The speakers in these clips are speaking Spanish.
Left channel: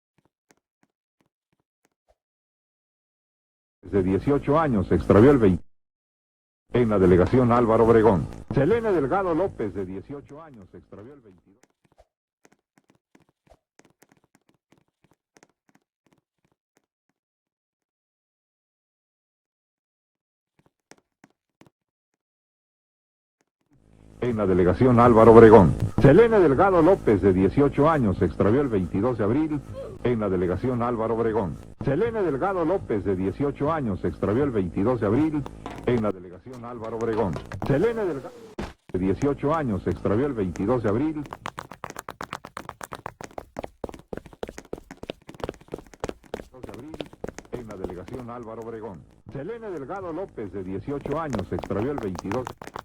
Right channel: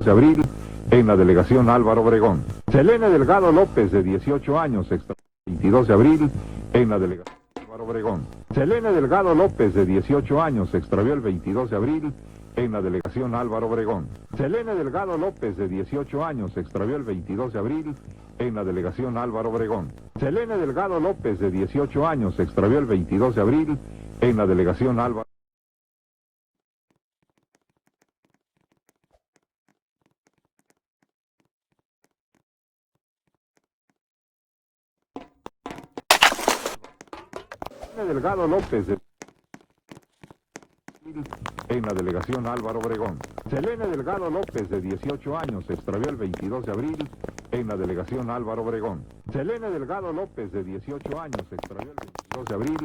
de abril en la delegación Álvaro Obregón. Selene Delgado López, de 18 años, se extravió el 22 de abril en la delegación Álvaro Obregón. Selene Delgado López, de 18 años, se extravió el 22 de abril en la delegación Álvaro Obregón. Selene Delgado López, de 18 años, se extravió el 22 de abril en la delegación Álvaro Obregón. Selene Delgado López, de 18 años, se extravió el 22 de abril en la delegación Álvaro Obregón. Selene Delgado López, de 18 años, se extravió el 22 de abril en la delegación Álvaro Obregón. Selene Delgado López, de 18 años, se extravió el 22 de abril en la delegación Álvaro Obregón. Selene Delgado López, de 18 años, se extravió el 22 de abril en la delegación Álvaro Obregón. Selene Delgado López, de 18 años, se extravió el 22 de abril en la delegación Álvaro Obregón. Selene Delgado López, de 18 años, se extravió el 22 de abril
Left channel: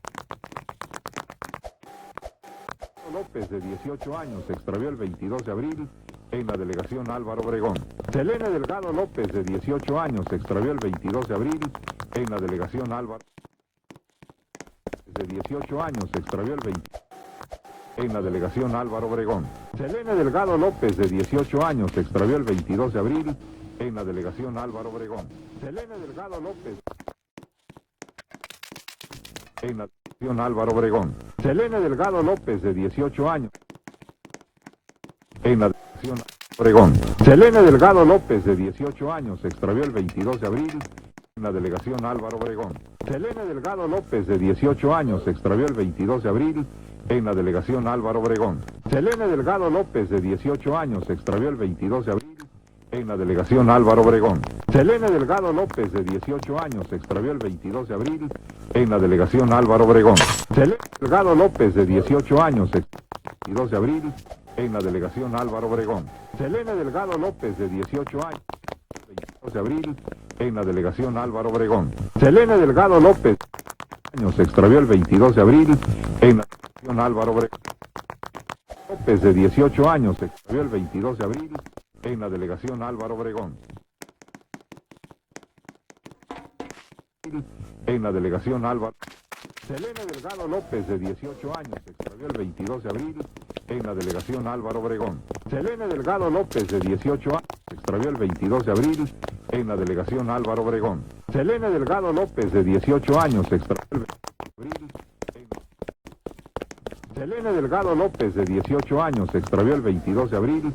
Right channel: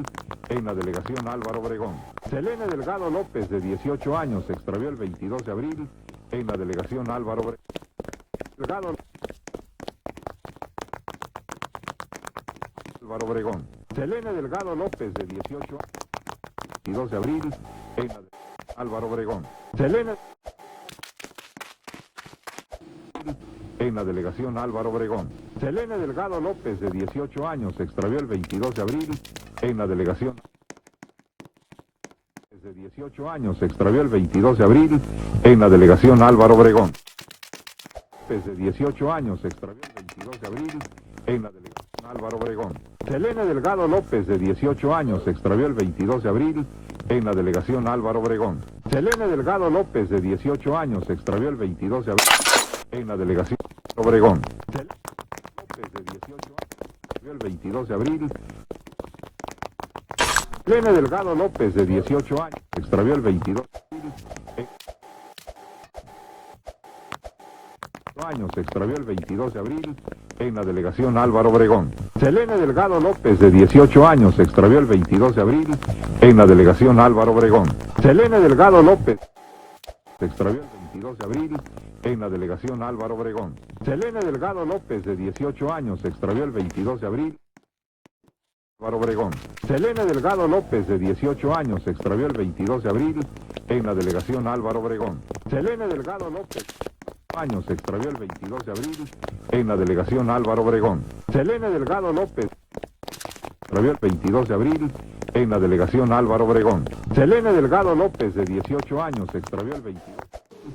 en la delegación Álvaro Obregón. Selene Delgado López, de 18 años, se extravió el 22 de abril en la delegación Álvaro Obregón. Selene Delgado López, de 18 años, se extravió el 22 de abril en la delegación Álvaro Obregón. Selene Delgado López, de 18 años, se extravió el 22 de abril en la delegación Álvaro Obregón. Selene Delgado López, de 18 años, se extravió el 22 de abril en la delegación Álvaro Obregón. Selene Delgado López, de 18 años, se extravió el 22 de abril en la delegación Álvaro Obregón. Selene Delgado López, de 18 años, se extravió el 22 de abril en la delegación Álvaro Obregón. Selene Delgado López, de 18 años, se extravió el 22 de abril en la delegación Álvaro Obregón. Selene Delgado López, de 18 años, se extravió el 22 de abril en la delegación Álvaro Obregón. Selene Delgado López, de 18 años, se extravió el 22 de abril en la delegación Álvaro Obregón. Selene Delgado López, de 18 años, se extravió el 22 de abril en la delegación Álvaro Obregón. Selene Delgado López, de 18 años, se extravió el 22 de abril en la delegación Álvaro Obregón. Selene Delgado López, de 18 años, se extravió el 22 de abril en la delegación Álvaro Obregón. Selene Delgado López, de 18 años, se extravió el 22 de abril en la delegación Álvaro Obregón. Selene Delgado López, de 18 años, se extravió el 22 de abril en la delegación Álvaro Obregón. Selene Delgado López, de 18 años, se extravió el 22 de abril en la delegación Álvaro Obregón. Selene Delgado López, de 18 años, se extravió el 22 de abril en la delegación Álvaro Obregón. Selene Delgado López, de 18 años, se extravió el 22 de abril en la delegación Álvaro Obregón. Selene Delgado López, de 18 años, se extravió el 22 de abril en la delegación Álvaro Obregón. Selene Delgado López, de 18 años, se extravió el 22 de abril en la delegación Álvaro Obregón. Selene Delgado López, de 18 años, se extravió el 22 de abril en la delegación Álvaro Obregón. Selene Delgado López, de 18 años, se extravió el 22 de abril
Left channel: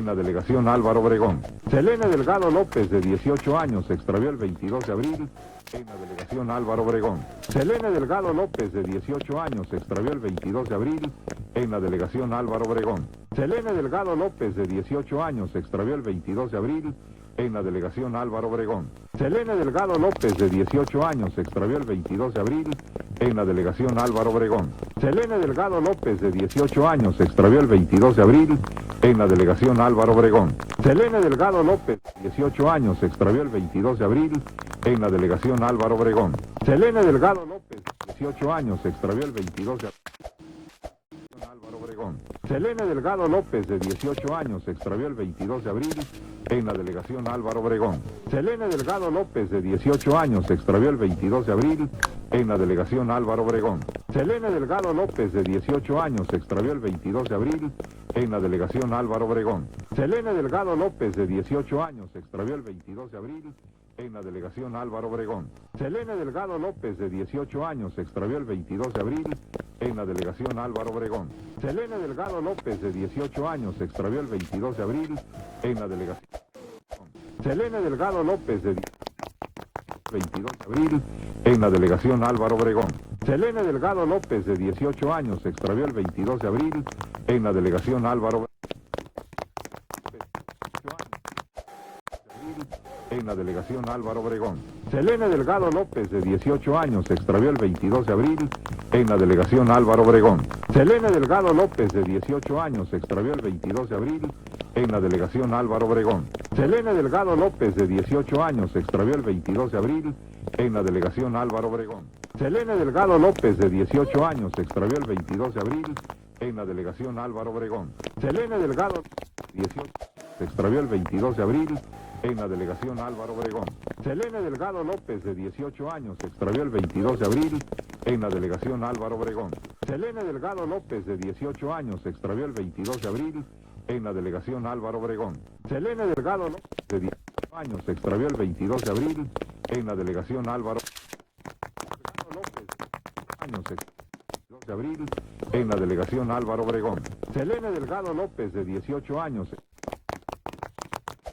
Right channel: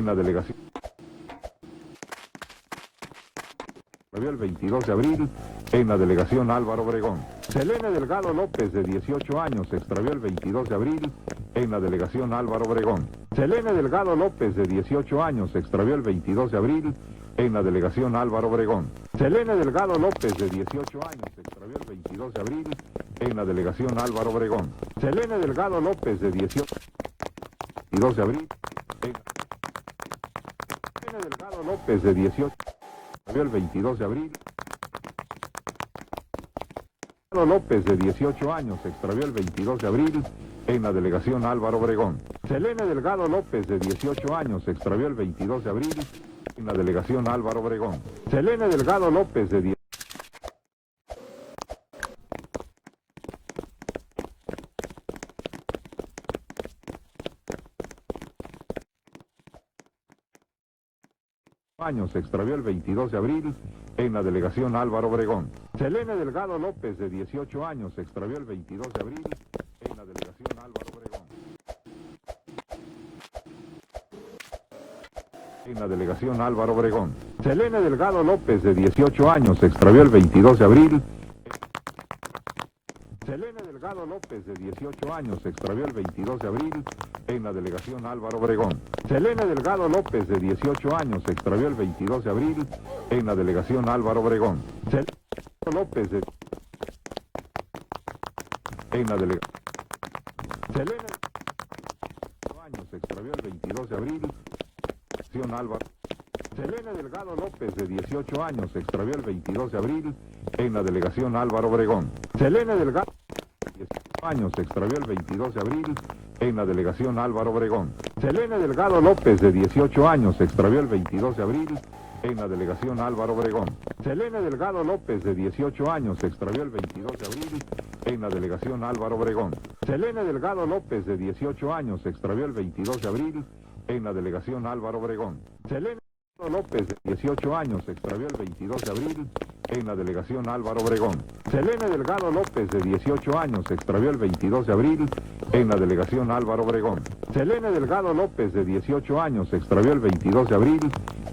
en la delegación Álvaro Obregón. Selene Delgado López, de 18 años, se extravió el 22 de abril en la delegación Álvaro Obregón. Selene Delgado López, de 18 años, se extravió el 22 de abril en la delegación Álvaro Obregón. Selene Delgado López, de 18 años, se extravió el 22 de abril en la delegación Álvaro Obregón. Selene Delgado López, de 18 años, se extravió el 22 de abril en la delegación Álvaro Obregón. Selene Delgado López, de 18 años, se extravió el 22 de abril en la delegación Álvaro Obregón. Selene Delgado López, de 18 años, se extravió el 22 de abril en la delegación Álvaro Obregón. Selene Delgado López, de 18 años, se extravió el 22 de abril en la delegación Álvaro Obregón. Selene Delgado López, de 18 años, se extravió el 22 de abril en la delegación Álvaro Obregón. Selene Delgado López, de 18 años, se extravió el 22 de abril en la delegación Álvaro Obregón. Selene Delgado López, de 18 años, se extravió el 22 de abril en la delegación Álvaro Obregón. Selene Delgado López, de 18 años, se extravió el 22 de abril en la delegación Álvaro Obregón. Selene Delgado López, de 18 años, se extravió el 22 de abril en la delegación Álvaro Obregón. Selene Delgado López, de 18 años, se extravió el 22 de abril en la delegación Álvaro Obregón. Selene Delgado López, de 18 años, se extravió el 22 de abril en la delegación Álvaro Obregón. Selene Delgado López, de 18 años, se extravió el 22 de abril en la delegación Álvaro Obregón. Selene Delgado López, de 18 años, se extravió el 22 de abril en la delegación Álvaro Obregón. Selene Delgado López, de 18 años, se extravió el 22 de abril en la delegación Álvaro Obregón. Selene Delgado López, de 18 años, se extravió el 22 de abril en la delegación Álvaro Obregón. Selene Delgado López, de 18 años, se extravió el 22 de abril en la delegación Álvaro Obregón. Selene Delgado López, de 18 años, se extravió el 22 de abril en la delegación Álvaro Obregón. Selene Delgado López, de 18 años, se extravió el 22 de abril en la delegación Álvaro Obregón. Selene Delgado López, de 18 años, se extravió el 22 de abril en la delegación Álvaro Obregón. Selene Delgado López, de 18 años, se extravió el 22 de abril en la delegación Álvaro Obregón. Selene Delgado López, de 18 años, se extravió el 22 de abril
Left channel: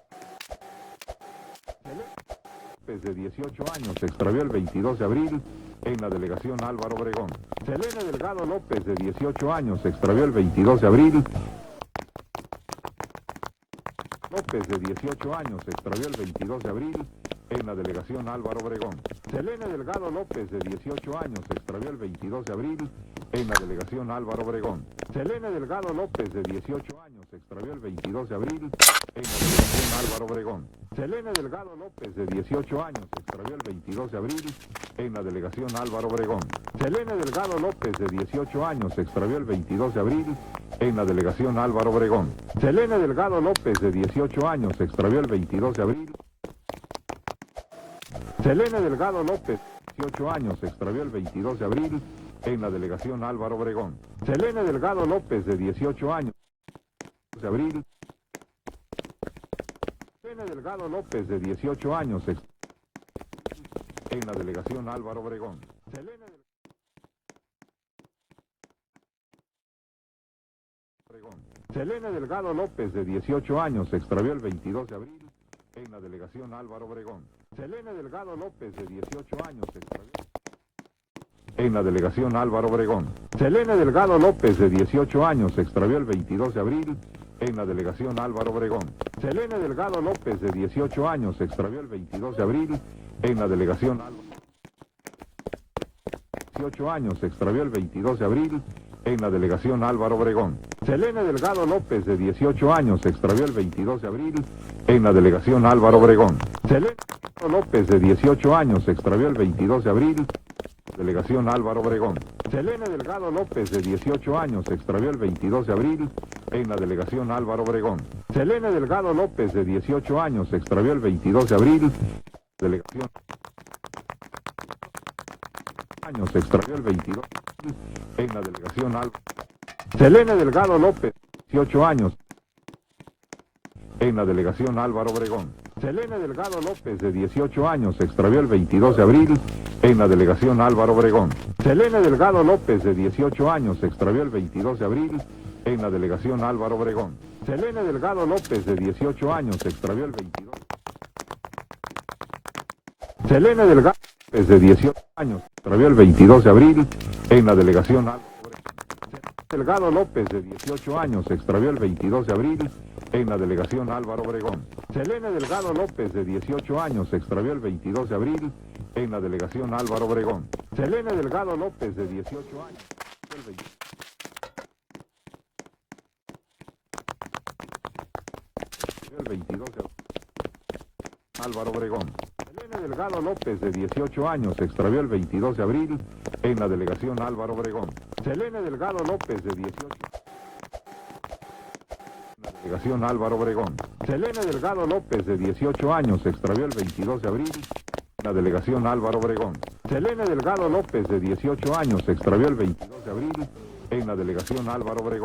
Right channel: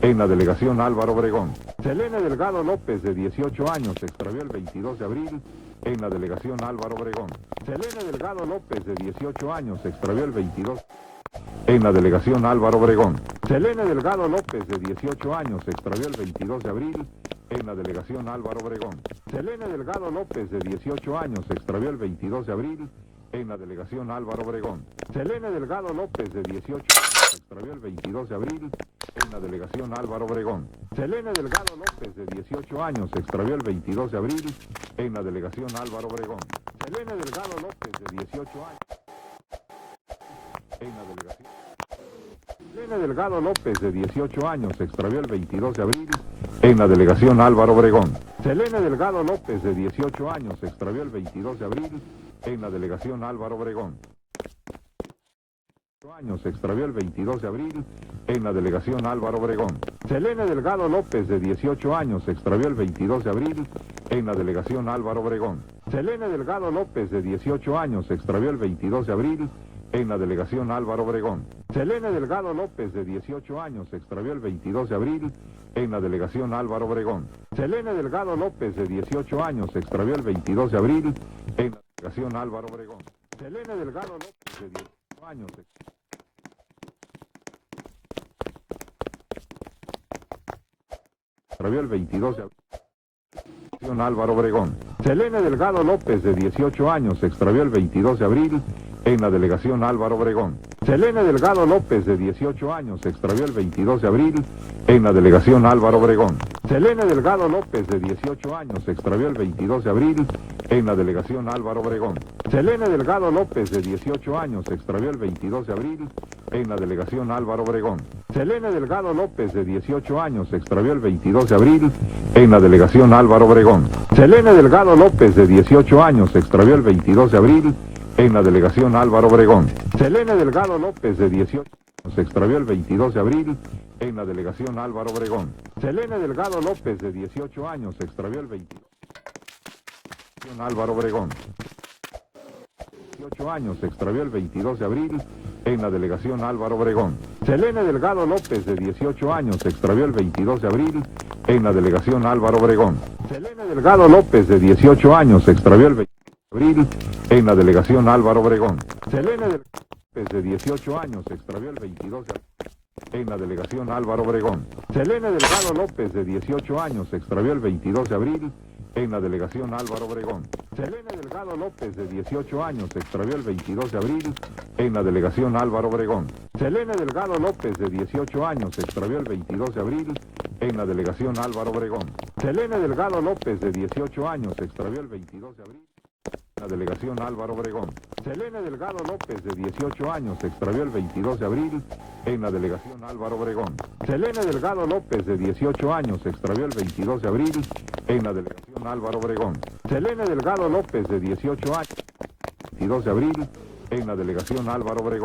en la delegación Álvaro Obregón. Selene Delgado López, de 18 años, se extravió el 22 de abril en la delegación Álvaro Obregón. Selene Delgado López, de 18 años, se extravió el 22 de abril en la delegación Álvaro Obregón. Selene Delgado López, de 18 años, se extravió el 22 de abril en la delegación Álvaro Obregón. Selene Delgado López, de 18 años, se extravió el 22 de abril en la delegación Álvaro Obregón. Selene Delgado López, de 18 años, se extravió el 22 de abril en la delegación Álvaro Obregón. Selene Delgado López, de 18 años, se extravió el 22 de abril en la delegación Álvaro Obregón. Selene Delgado López, de 18 años, se extravió el 22 de abril en la delegación Álvaro Obregón. Selene Delgado López, de 18 años, se extravió el 22 de abril en la delegación Álvaro Obregón. Selene Delgado López, de 18 años, se extravió el 22 de abril en la delegación Álvaro Obregón. Selene Delgado López, de 18 años, se extravió el 22 de abril en la delegación Álvaro Obregón. Selene Delgado López, de 18 años, se extravió el 22 de abril en la delegación Álvaro Obregón. Selene Delgado López, de 18 años, se extravió el 22 de abril en la delegación Álvaro Obregón. Selene Delgado López, de 18 años, se extravió el 22 de abril en la delegación Álvaro Obregón. Selene Delgado López, de 18 años, se extravió el 22 de abril en la delegación Álvaro Obregón. Selene Delgado López, de 18 años, se extravió el 22 de abril en la delegación Álvaro Obregón. Selene Delgado López, de 18 años, se extravió el 22 de abril en la delegación Álvaro Obregón. Selene Delgado López, de 18 años, se extravió el 22 de abril en la delegación Álvaro Obregón. Selene Delgado López, de 18 años, se extravió el 22 de abril en la delegación Álvaro Obregón. Selene Delgado López, de 18 años, se extravió el 22 de abril en la delegación Álvaro Obregón. Selene Delgado López, de 18 años, se extravió el 22 de abril en la delegación Álvaro Obregón. Selene Delgado López, de 18 años, se extravió el 22 de abril en la delegación Álvaro Obregón. Selene Delgado López, de 18 años, se extravió el 22 de abril en la delegación Álvaro Obregón. Selene Delgado López, de 18 años, se extravió el 22 de abril en la delegación Álvaro Obregón. Selene Delgado López, de 18 años, se extravió el 22 de abril en la delegación Álvaro Obregón. Selene Delgado López, de 18 años, se extravió el 22 de abril en la delegación Álvaro Obregón. Selene Delgado López, de 18 años, se extravió el 22 de abril en la delegación Álvaro Obregón. Selene Delgado López, de 18 años, se extravió el 22 de abril en la delegación Álvaro Obregón. Selene Delgado López, de 18 años, se extravió el 22 de abril en la delegación Álvaro Obregón. Selene Delgado López, de 18 años, se extravió el 22 de abril en la delegación Álvaro Obregón. Selene Delgado López, de 18 años, se extravió el 22 de abril en la delegación Álvaro Obregón. Selene Delgado López, de 18 años, se extravió el 22 de abril en la delegación Álvaro Obregón. Selene Delgado López, de 18 años, se extravió el 22 de abril en la delegación Álvaro Obregón. Selene Delgado López, de 18 años, se extravió el 22 de abril en la delegación Álvaro Obregón. Selene Delgado López, de 18 años, se extravió el 22 de abril en la delegación Álvaro Obregón. Selene Delgado López, de 18 años, se extravió el 22 de abril en la delegación Álvaro Obregón. Selene Delgado López, de 18 años, se extravió el 22 de abril en la delegación Álvaro Obregón.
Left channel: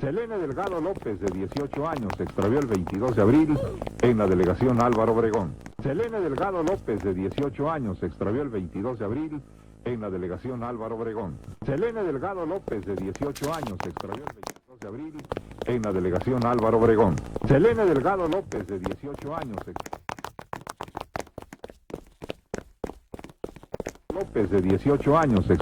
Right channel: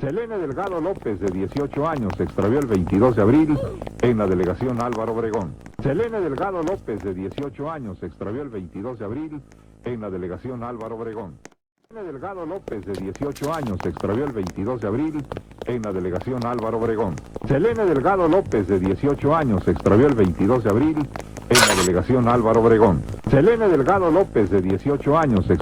Selene Delgado López, de 18 años, se extravió el 22 de abril en la delegación Álvaro Obregón. Selene Delgado López, de 18 años, se extravió el 22 de abril en la delegación Álvaro Obregón. Selene Delgado López, de 18 años, se extravió el 22 de abril en la delegación Álvaro Obregón. Selene Delgado López, de 18 años, se extravió el 22 de abril en la delegación Álvaro Obregón. Selene Delgado López, de 18 años, se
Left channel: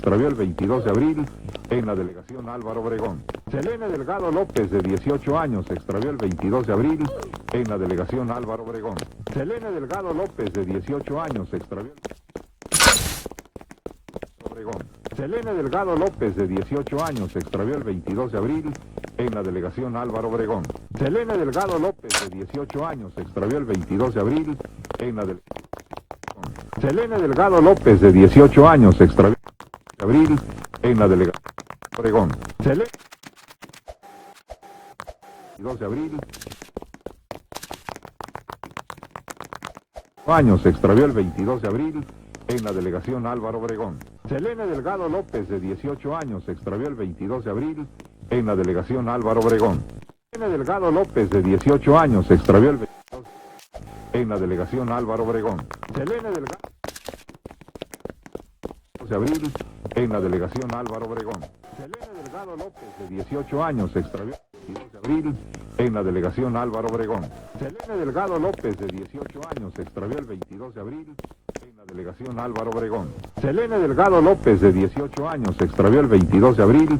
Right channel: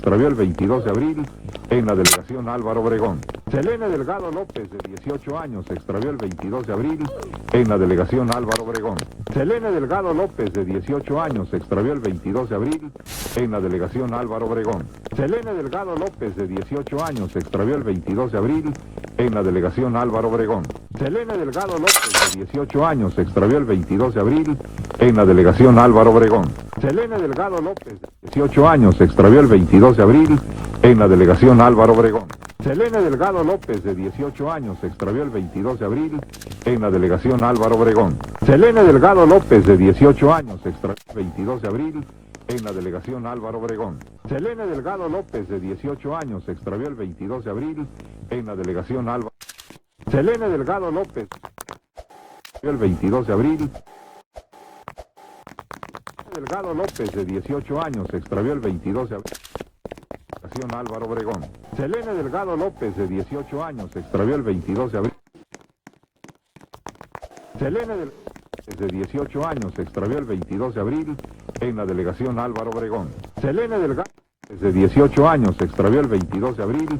extravió el 22 de abril en la delegación Álvaro Obregón. Selene Delgado López, de 18 años, se extravió el 22 de abril en la delegación Álvaro Obregón. Selene Delgado López, de 18 años, se extravió el 22 de abril en la delegación Álvaro Obregón. Selene Delgado López, de 18 años, se extravió el 22 de abril en la delegación Álvaro Obregón. Selene Delgado López, de 18 años, se extravió el 22 de abril en la delegación Álvaro Obregón. Selene Delgado López, de 18 años, se extravió el 22 de abril en la delegación Álvaro Obregón. Selene Delgado López, de 18 años, se extravió el 22 de abril en la delegación Álvaro Obregón. Selene Delgado López, de 18 años, se extravió el 22 de abril en la delegación Álvaro Obregón. Selene Delgado López, de 18 años, se extravió el 22 de abril en la delegación Álvaro Obregón. Selene Delgado López, de 18 años, se extravió el 22 de abril en la delegación Álvaro Obregón. Selene Delgado López, de 18 años, se extravió el 22 de abril en la delegación Álvaro Obregón. Selene Delgado López, de 18 años, se extravió el 22 de abril en la delegación Álvaro Obregón. Selene Delgado López, de 18 años, se extravió el 22 de abril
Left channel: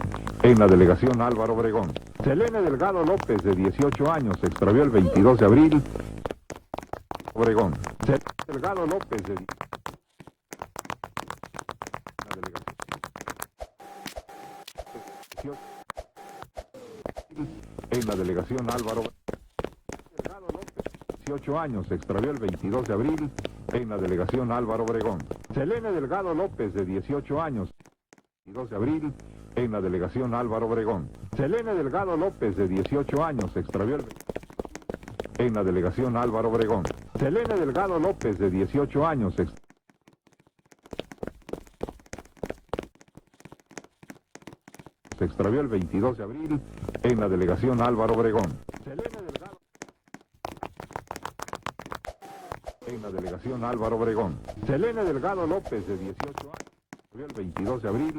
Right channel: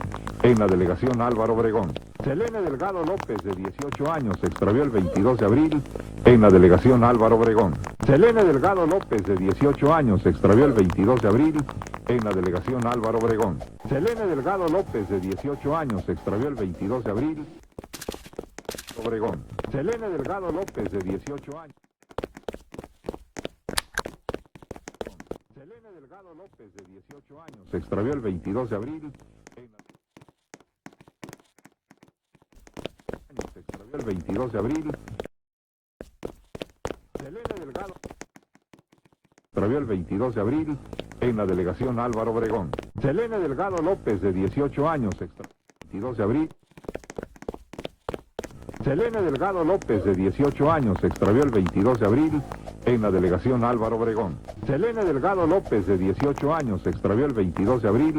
en la delegación Álvaro Obregón. Selene Delgado López, de 18 años, se extravió el 22 de abril en la delegación Álvaro Obregón. Selene Delgado López, de 18 años, se extravió el 22 de abril en la delegación Álvaro Obregón. Selene Delgado López, de 18 años, se extravió el 22 de abril en la delegación Álvaro Obregón. Selene Delgado López, de 18 años, se extravió el 22 de abril en la delegación Álvaro Obregón. Selene Delgado López, de 18 años, se extravió el 22 de abril en la delegación Álvaro Obregón. Selene Delgado López, de 18 años, se extravió el 22 de abril en la delegación Álvaro Obregón. Selene Delgado López, de 18 años, se extravió el 22 de abril en la delegación Álvaro Obregón. Selene Delgado López, de 18 años, se extravió el 22 de abril en la delegación Álvaro Obregón. Selene Delgado López, de 18 años, se extravió el 22 de abril en la delegación Álvaro Obregón. Selene Delgado López, de 18 años, se extravió el 22 de abril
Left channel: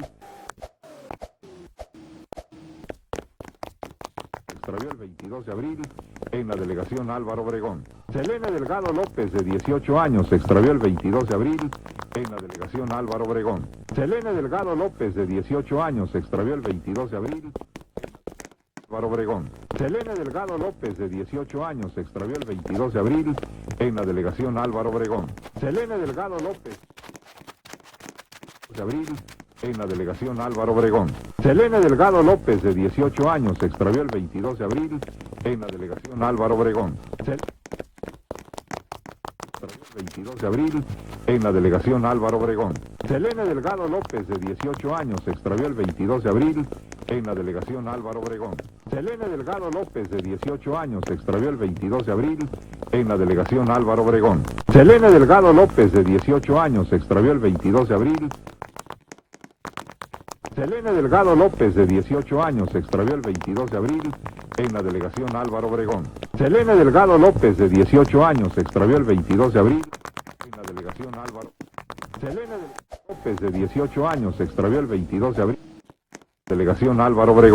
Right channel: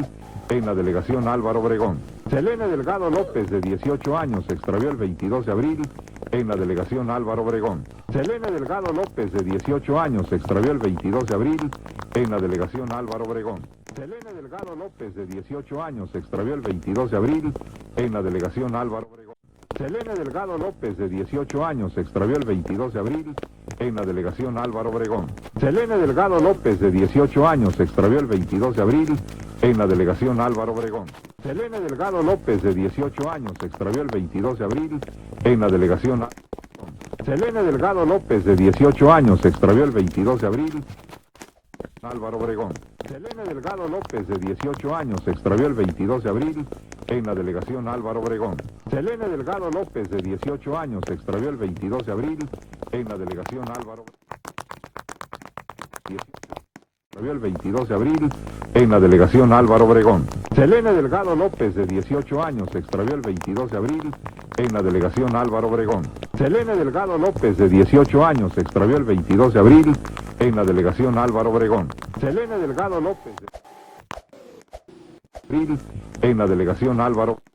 en la delegación Álvaro Obregón. Selene Delgado López, de 18 años, se extravió el 22 de abril en la delegación Álvaro Obregón. Selene Delgado López, de 18 años, se extravió el 22 de abril en la delegación Álvaro Obregón. Selene Delgado López, de 18 años, se extravió el 22 de abril en la delegación Álvaro Obregón. Selene Delgado López, de 18 años, se extravió el 22 de abril en la delegación Álvaro Obregón. Selene Delgado López, de 18 años, se extravió el 22 de abril en la delegación Álvaro Obregón. Selene Delgado López, de 18 años, se extravió el 22 de abril en la delegación Álvaro Obregón. Selene Delgado López, de 18 años, se extravió el 22 de abril en la delegación Álvaro Obregón. Selene Delgado López, de 18 años, se extravió el 22 de abril en la delegación Álvaro Obregón. Selene Delgado López, de 18 años, se extravió el 22 de abril en la delegación Álvaro Obregón. Selene Delgado López, de 18 años, se extravió el 22 de abril en la delegación Álvaro Obregón. Selene Delgado López, de 18 años, se extravió el 22 de abril en la delegación Álvaro Obregón. Selene Delgado López, de 18 años, se extravió el 22 de abril en la delegación Álvaro Obregón. Selene Delgado López, de 18 años, se extravió el 22 de abril en la delegación Álvaro Obregón. Selene Delgado López, de 18 años, se extravió el 22 de abril en la delegación Álvaro Obregón. Selene Delgado López, de 18 años, se extravió el 22 de abril en la delegación Álvaro Obregón.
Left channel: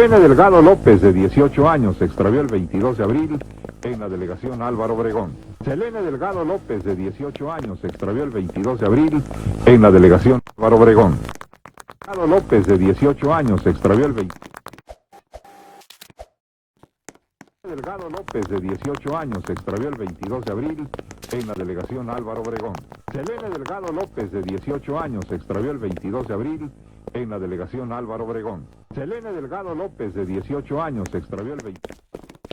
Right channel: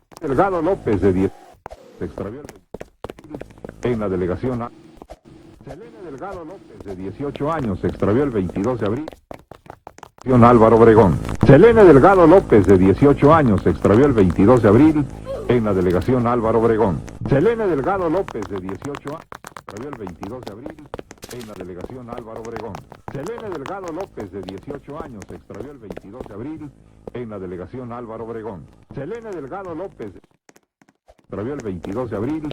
Selene Delgado López, de 18 años, se extravió el 22 de abril en la delegación Álvaro Obregón. Selene Delgado López, de 18 años, se extravió el 22 de abril en la delegación Álvaro Obregón. Selene Delgado López, de 18 años, se extravió el 22 de abril en la delegación Álvaro Obregón. Selene Delgado López, de 18 años, se extravió el 22 de abril en la delegación Álvaro Obregón. Selene Delgado López, de 18 años, se extravió el 22 de abril en la delegación Álvaro Obregón. Selene Delgado López, de 18 años, se extravió el 22 de abril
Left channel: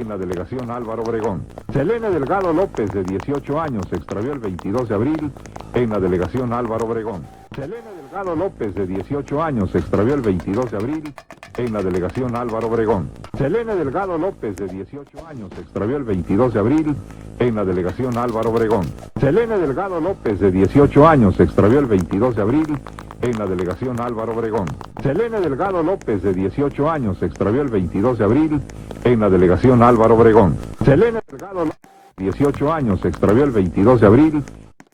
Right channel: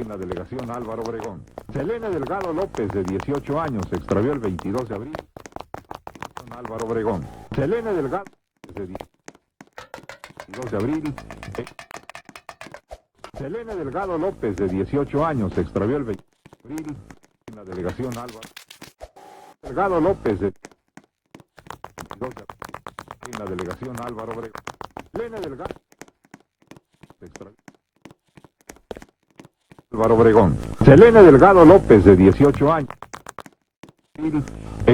en la delegación Álvaro Obregón. Selene Delgado López, de 18 años, se extravió el 22 de abril en la delegación Álvaro Obregón. Selene Delgado López, de 18 años, se extravió el 22 de abril en la delegación Álvaro Obregón. Selene Delgado López, de 18 años, se extravió el 22 de abril en la delegación Álvaro Obregón. Selene Delgado López, de 18 años, se extravió el 22 de abril en la delegación Álvaro Obregón. Selene Delgado López, de 18 años, se extravió el 22 de abril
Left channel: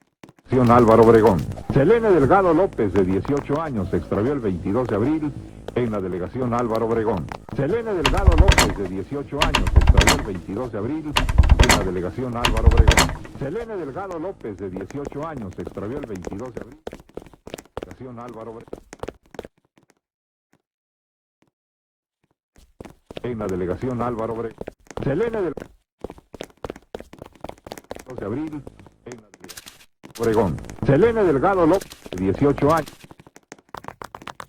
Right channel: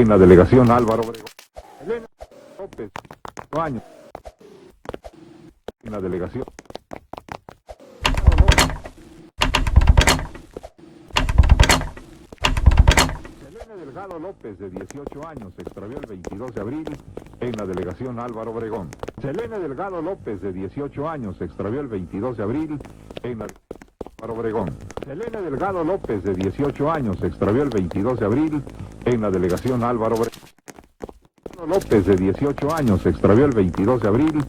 en la delegación Álvaro Obregón. Selene Delgado López, de 18 años, se extravió el 22 de abril en la delegación Álvaro Obregón. Selene Delgado López, de 18 años, se extravió el 22 de abril en la delegación Álvaro Obregón. Selene Delgado López, de 18 años, se extravió el 22 de abril en la delegación Álvaro Obregón. Selene Delgado López, de 18 años, se extravió el 22 de abril en la delegación Álvaro Obregón. Selene Delgado López, de 18 años, se extravió el 22 de abril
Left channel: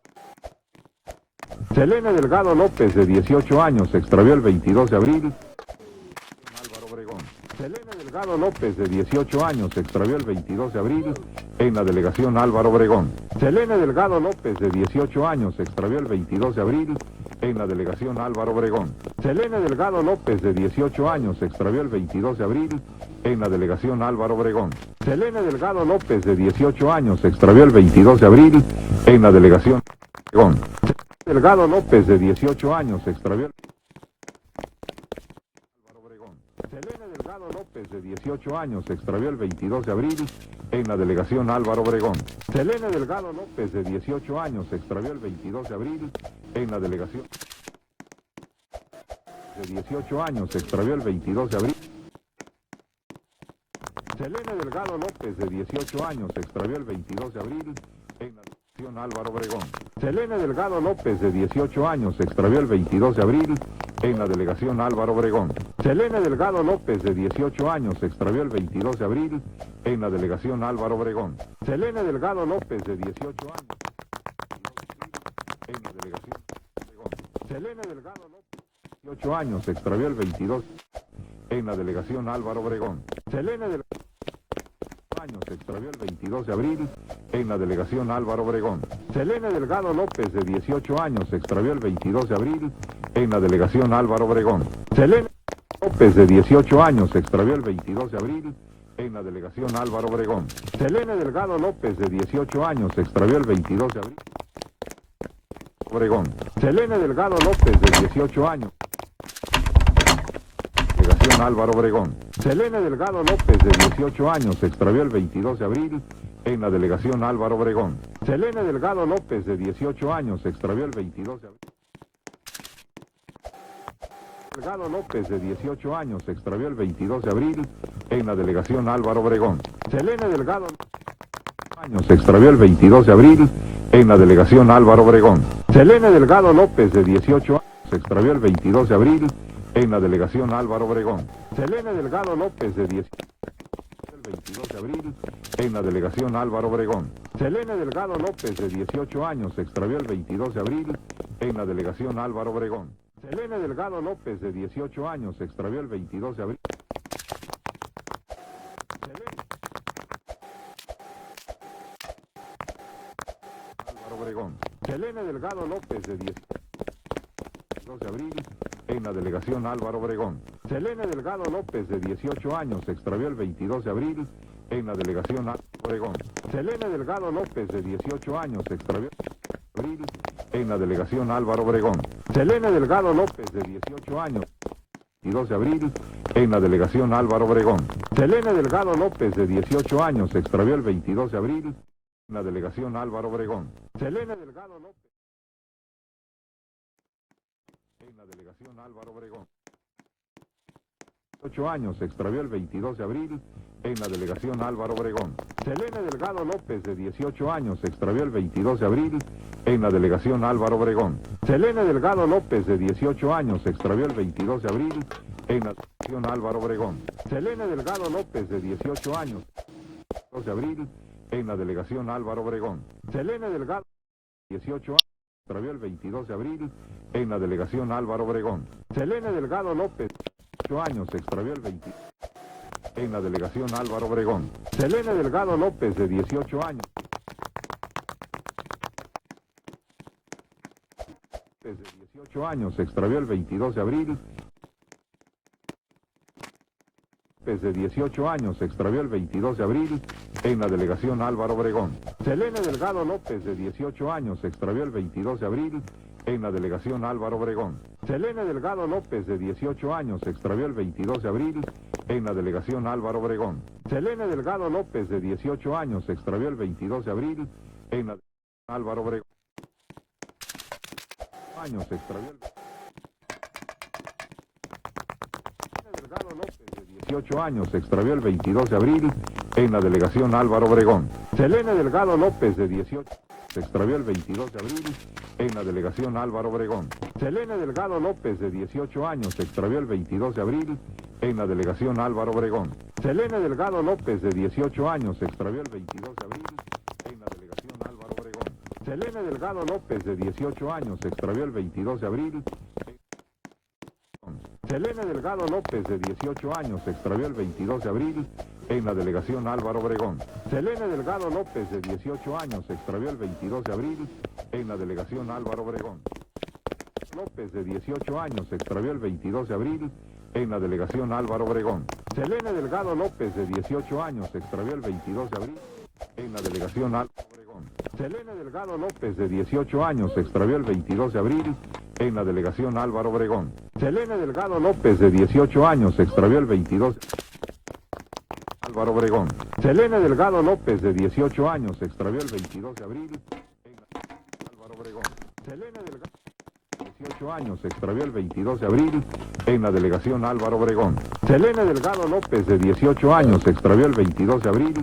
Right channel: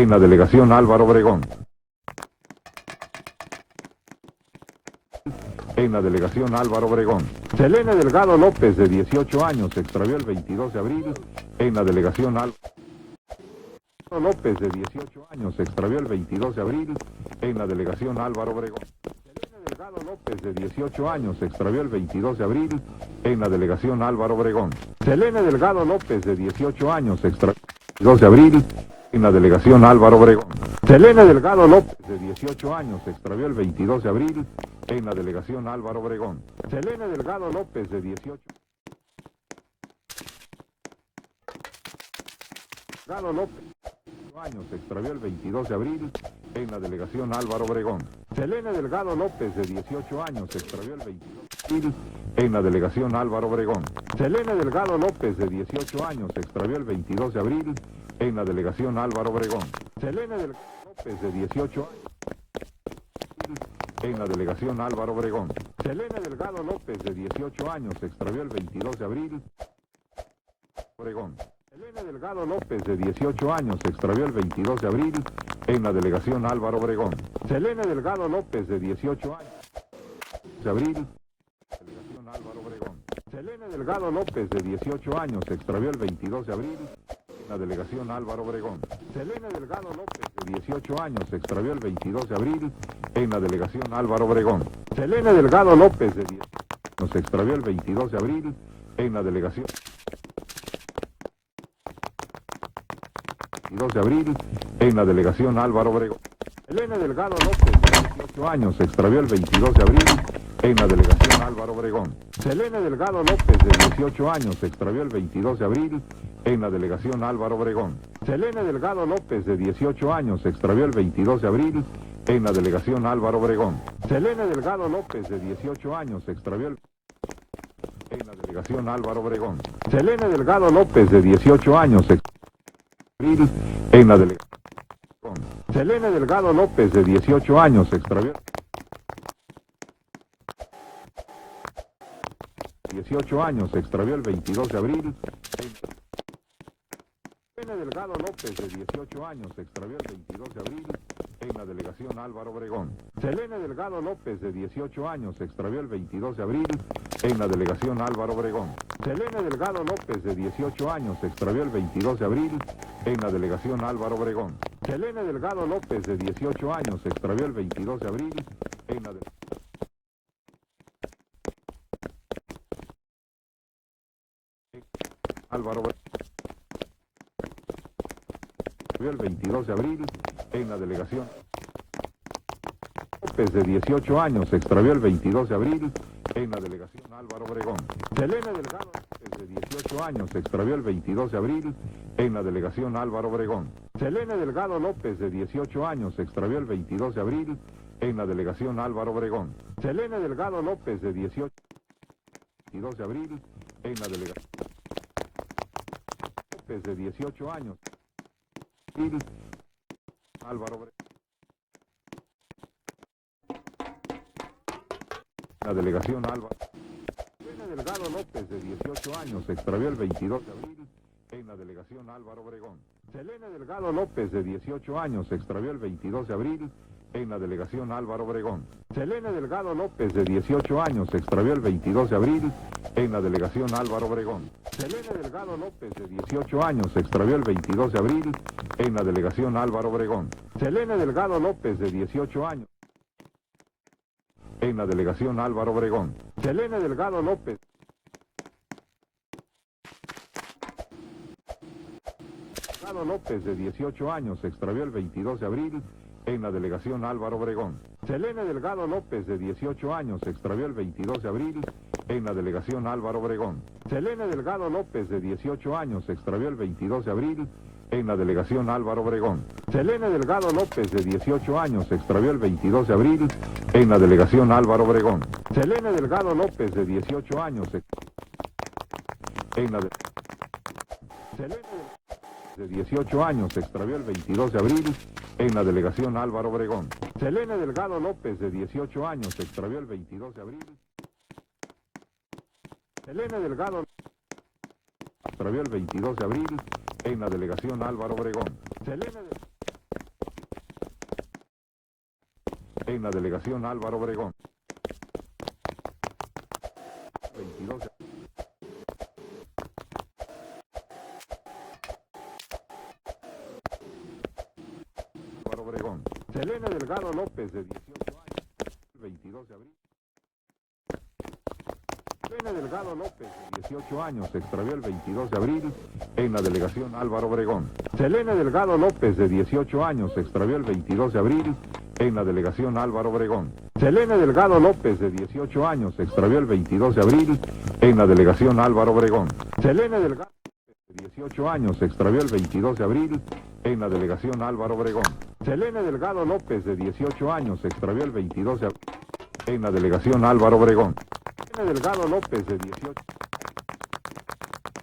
en la delegación Álvaro Obregón. Selene Delgado López, de 18 años, se extravió el 22 de abril en la delegación Álvaro Obregón. Selene Delgado López, de 18 años, se extravió el 22 de abril en la delegación Álvaro Obregón. Selene Delgado López, de 18 años, se extravió el 22 de abril en la delegación Álvaro Obregón. Selene Delgado López, de 18 años, se extravió el 22 de abril en la delegación Álvaro Obregón. Selene Delgado López, de 18 años, se extravió el 22 de abril en la delegación Álvaro Obregón. Selene Delgado López, de 18 años, se extravió el 22 de abril en la delegación Álvaro Obregón. Selene Delgado López, de 18 años, se extravió el 22 de abril en la delegación Álvaro Obregón. Selene Delgado López, de 18 años, se extravió el 22 de abril en la delegación Álvaro Obregón. Selene Delgado López, de 18 años, se extravió el 22 de abril en la delegación Álvaro Obregón. Selene Delgado López, de 18 años, se extravió el 22 de abril en la delegación Álvaro Obregón. Selene Delgado López, de 18 años, se extravió el 22 de abril en la delegación Álvaro Obregón. Selene Delgado López, de 18 años, se extravió el 22 de abril en la delegación Álvaro Obregón. Selene Delgado López, de 18 años, se extravió el 22 de abril en la delegación Álvaro Obregón. Selene Delgado López, de 18 años, se extravió el 22 de abril en la delegación Álvaro Obregón. Selene Delgado López, de 18 años, se extravió el 22 de abril en la delegación Álvaro Obregón. Selene Delgado López, de 18 años, se extravió el 22 de abril en la delegación Álvaro Obregón. Selene Delgado López, de 18 años, se extravió el 22 de abril en la delegación Álvaro Obregón. Selene Delgado López, de 18 años, se extravió el 22 de abril en la delegación Álvaro Obregón. Selene Delgado López, de 18 años, se extravió el 22 de abril en la delegación Álvaro Obregón. Selene Delgado López, de 18 años, se extravió el 22 de abril en la delegación Álvaro Obregón. Selene Delgado López, de 18 años, se extravió el 22 de abril en la delegación Álvaro Obregón. Selene Delgado López, de 18 años, se extravió el 22 de abril en la delegación Álvaro Obregón. Selene Delgado López, de 18 años, se extravió el 22 de abril en la delegación Álvaro Obregón. Selene Delgado López, de 18 años, se extravió el 22 de abril en la delegación Álvaro Obregón. Selene Delgado López, de 18 años, se extravió el 22 de abril en la delegación Álvaro Obregón. Selene Delgado López, de 18 años, se extravió el 22 de abril en la delegación Álvaro Obregón. Selene Delgado López, de 18 años, se extravió el 22 de abril en la delegación Álvaro Obregón. Selene Delgado López, de 18 años, se extravió el 22 de abril en la delegación Álvaro Obregón. Selene Delgado López, de 18 años, se extravió el 22 de abril en la delegación Álvaro Obregón. Selene Delgado López, de 18 años, se extravió el 22 de abril en la delegación Álvaro Obregón. Selene Delgado López, de 18 años, se extravió el 22 de abril en la delegación Álvaro Obregón. Selene Delgado López, de 18 años, se extravió el 22 de abril en la delegación Álvaro Obregón. Selene Delgado López, de 18 años, se extravió el 22 de abril en la delegación Álvaro Obregón. Selene Delgado López, de 18 años, se extravió el 22 de abril en la delegación Álvaro Obregón. Selene Delgado López, de 18 años, se extravió el 22 de abril en la delegación Álvaro Obregón. Selene Delgado López, de 18 años, se extravió el 22 de abril en la delegación Álvaro Obregón. Selene Delgado López, de 18 años, se extravió el 22 de abril en la delegación Álvaro Obregón. Selene Delgado López, de 18 años, se extravió el 22 de abril en la delegación Álvaro Obregón. Selene Delgado López, de 18 años, se extravió el 22 de abril en la delegación Álvaro Obregón. Selene Delgado López, de 18 años, se extravió el 22 de abril en la delegación Álvaro Obregón. Selene Delgado López, de 18 años, se extravió el 22 de abril en la delegación Álvaro Obregón. Selene Delgado López, de 18 años, se extravió el 22 de abril en la delegación Álvaro Obregón. Selene Delgado López, de 18 años, se extravió el 22 de abril en la delegación Álvaro Obregón. Selene Delgado López, de 18 años, se extravió el 22 de abril en la delegación Álvaro Obregón. Selene Delgado López, de 18 años, se extravió el 22 de abril en la delegación Álvaro Obregón. Selene Delgado López, de 18 años, se extravió el 22 de abril en la delegación Álvaro Obregón. Selene Delgado López, de 18 años, se extravió el 22 de abril en la delegación Álvaro Obregón. Selene Delgado López, de 18 años, se extravió el 22 de abril en la delegación Álvaro Obregón. Selene Delgado López, de 18 años, se extravió el 22 de abril en la delegación Álvaro Obregón. Selene Delgado López, de 18 años, se extravió el 22 de abril en la delegación Álvaro Obregón. Selene Delgado López, de 18 años, se extravió el 22 de abril en la delegación Álvaro Obregón. Selene Delgado López, de 18 años, se extravió el 22 de abril en la delegación Álvaro Obregón. Selene Delgado López, de 18 años, se extravió el 22 de abril en la delegación Álvaro Obregón. Selene Delgado López, de 18 años, se extravió el 22 de abril en la delegación Álvaro Obregón. Selene Delgado López, de 18 años, se extravió el 22 de abril en la delegación Álvaro Obregón. Selene Delgado López, de 18 años, se extravió el 22 de abril en la delegación Álvaro Obregón. Selene Delgado López, de 18 años, se extravió el 22 de abril en la delegación Álvaro Obregón. Selene Delgado López, de 18 años, se extravió el 22 de abril en la delegación Álvaro Obregón. Selene Delgado López, de 18 años, se extravió el 22 de abril en la delegación Álvaro Obregón. Selene Delgado López, de 18 años, se extravió el 22 de abril en la delegación Álvaro Obregón. Selene Delgado López, de 18 años, se extravió el 22 de abril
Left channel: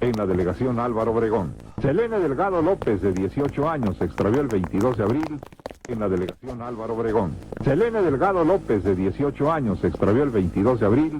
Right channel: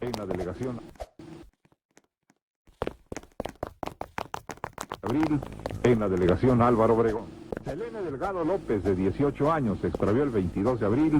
en la delegación Álvaro Obregón. Selene Delgado López, de 18 años, se extravió el 22 de abril en la delegación Álvaro Obregón. Selene Delgado López, de 18 años, se extravió el 22 de abril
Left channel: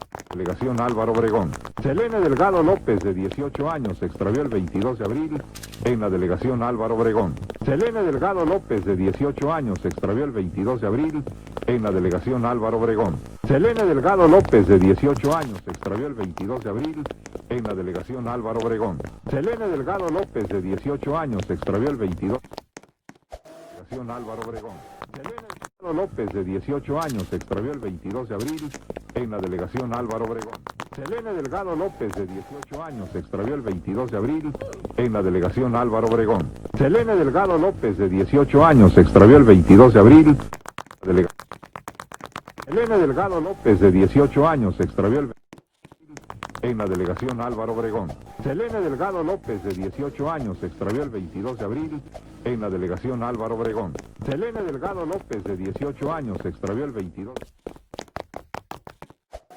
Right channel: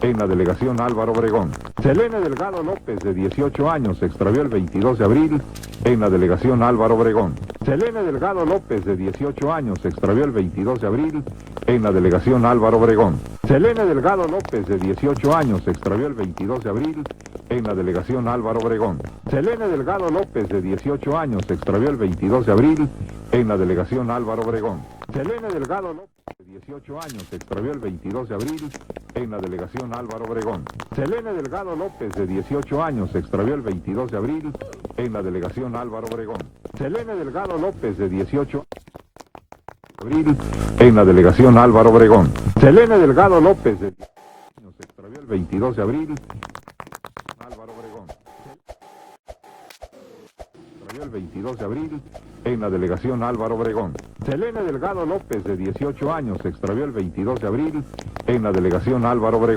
en la delegación Álvaro Obregón. Selene Delgado López, de 18 años, se extravió el 22 de abril en la delegación Álvaro Obregón. Selene Delgado López, de 18 años, se extravió el 22 de abril en la delegación Álvaro Obregón. Selene Delgado López, de 18 años, se extravió el 22 de abril en la delegación Álvaro Obregón. Selene Delgado López, de 18 años, se extravió el 22 de abril en la delegación Álvaro Obregón. Selene Delgado López, de 18 años, se extravió el 22 de abril en la delegación Álvaro Obregón. Selene Delgado López, de 18 años, se extravió el 22 de abril en la delegación Álvaro Obregón. Selene Delgado López, de 18 años, se extravió el 22 de abril en la delegación Álvaro Obregón. Selene Delgado López, de 18 años, se extravió el 22 de abril en la delegación Álvaro Obregón. Selene Delgado López, de 18 años, se extravió el 22 de abril en la delegación Álvaro Obregón. Selene Delgado López, de 18 años, se extravió el 22 de abril en la delegación Álvaro Obregón. Selene Delgado López, de 18 años, se extravió el 22 de abril en la delegación Álvaro Obregón.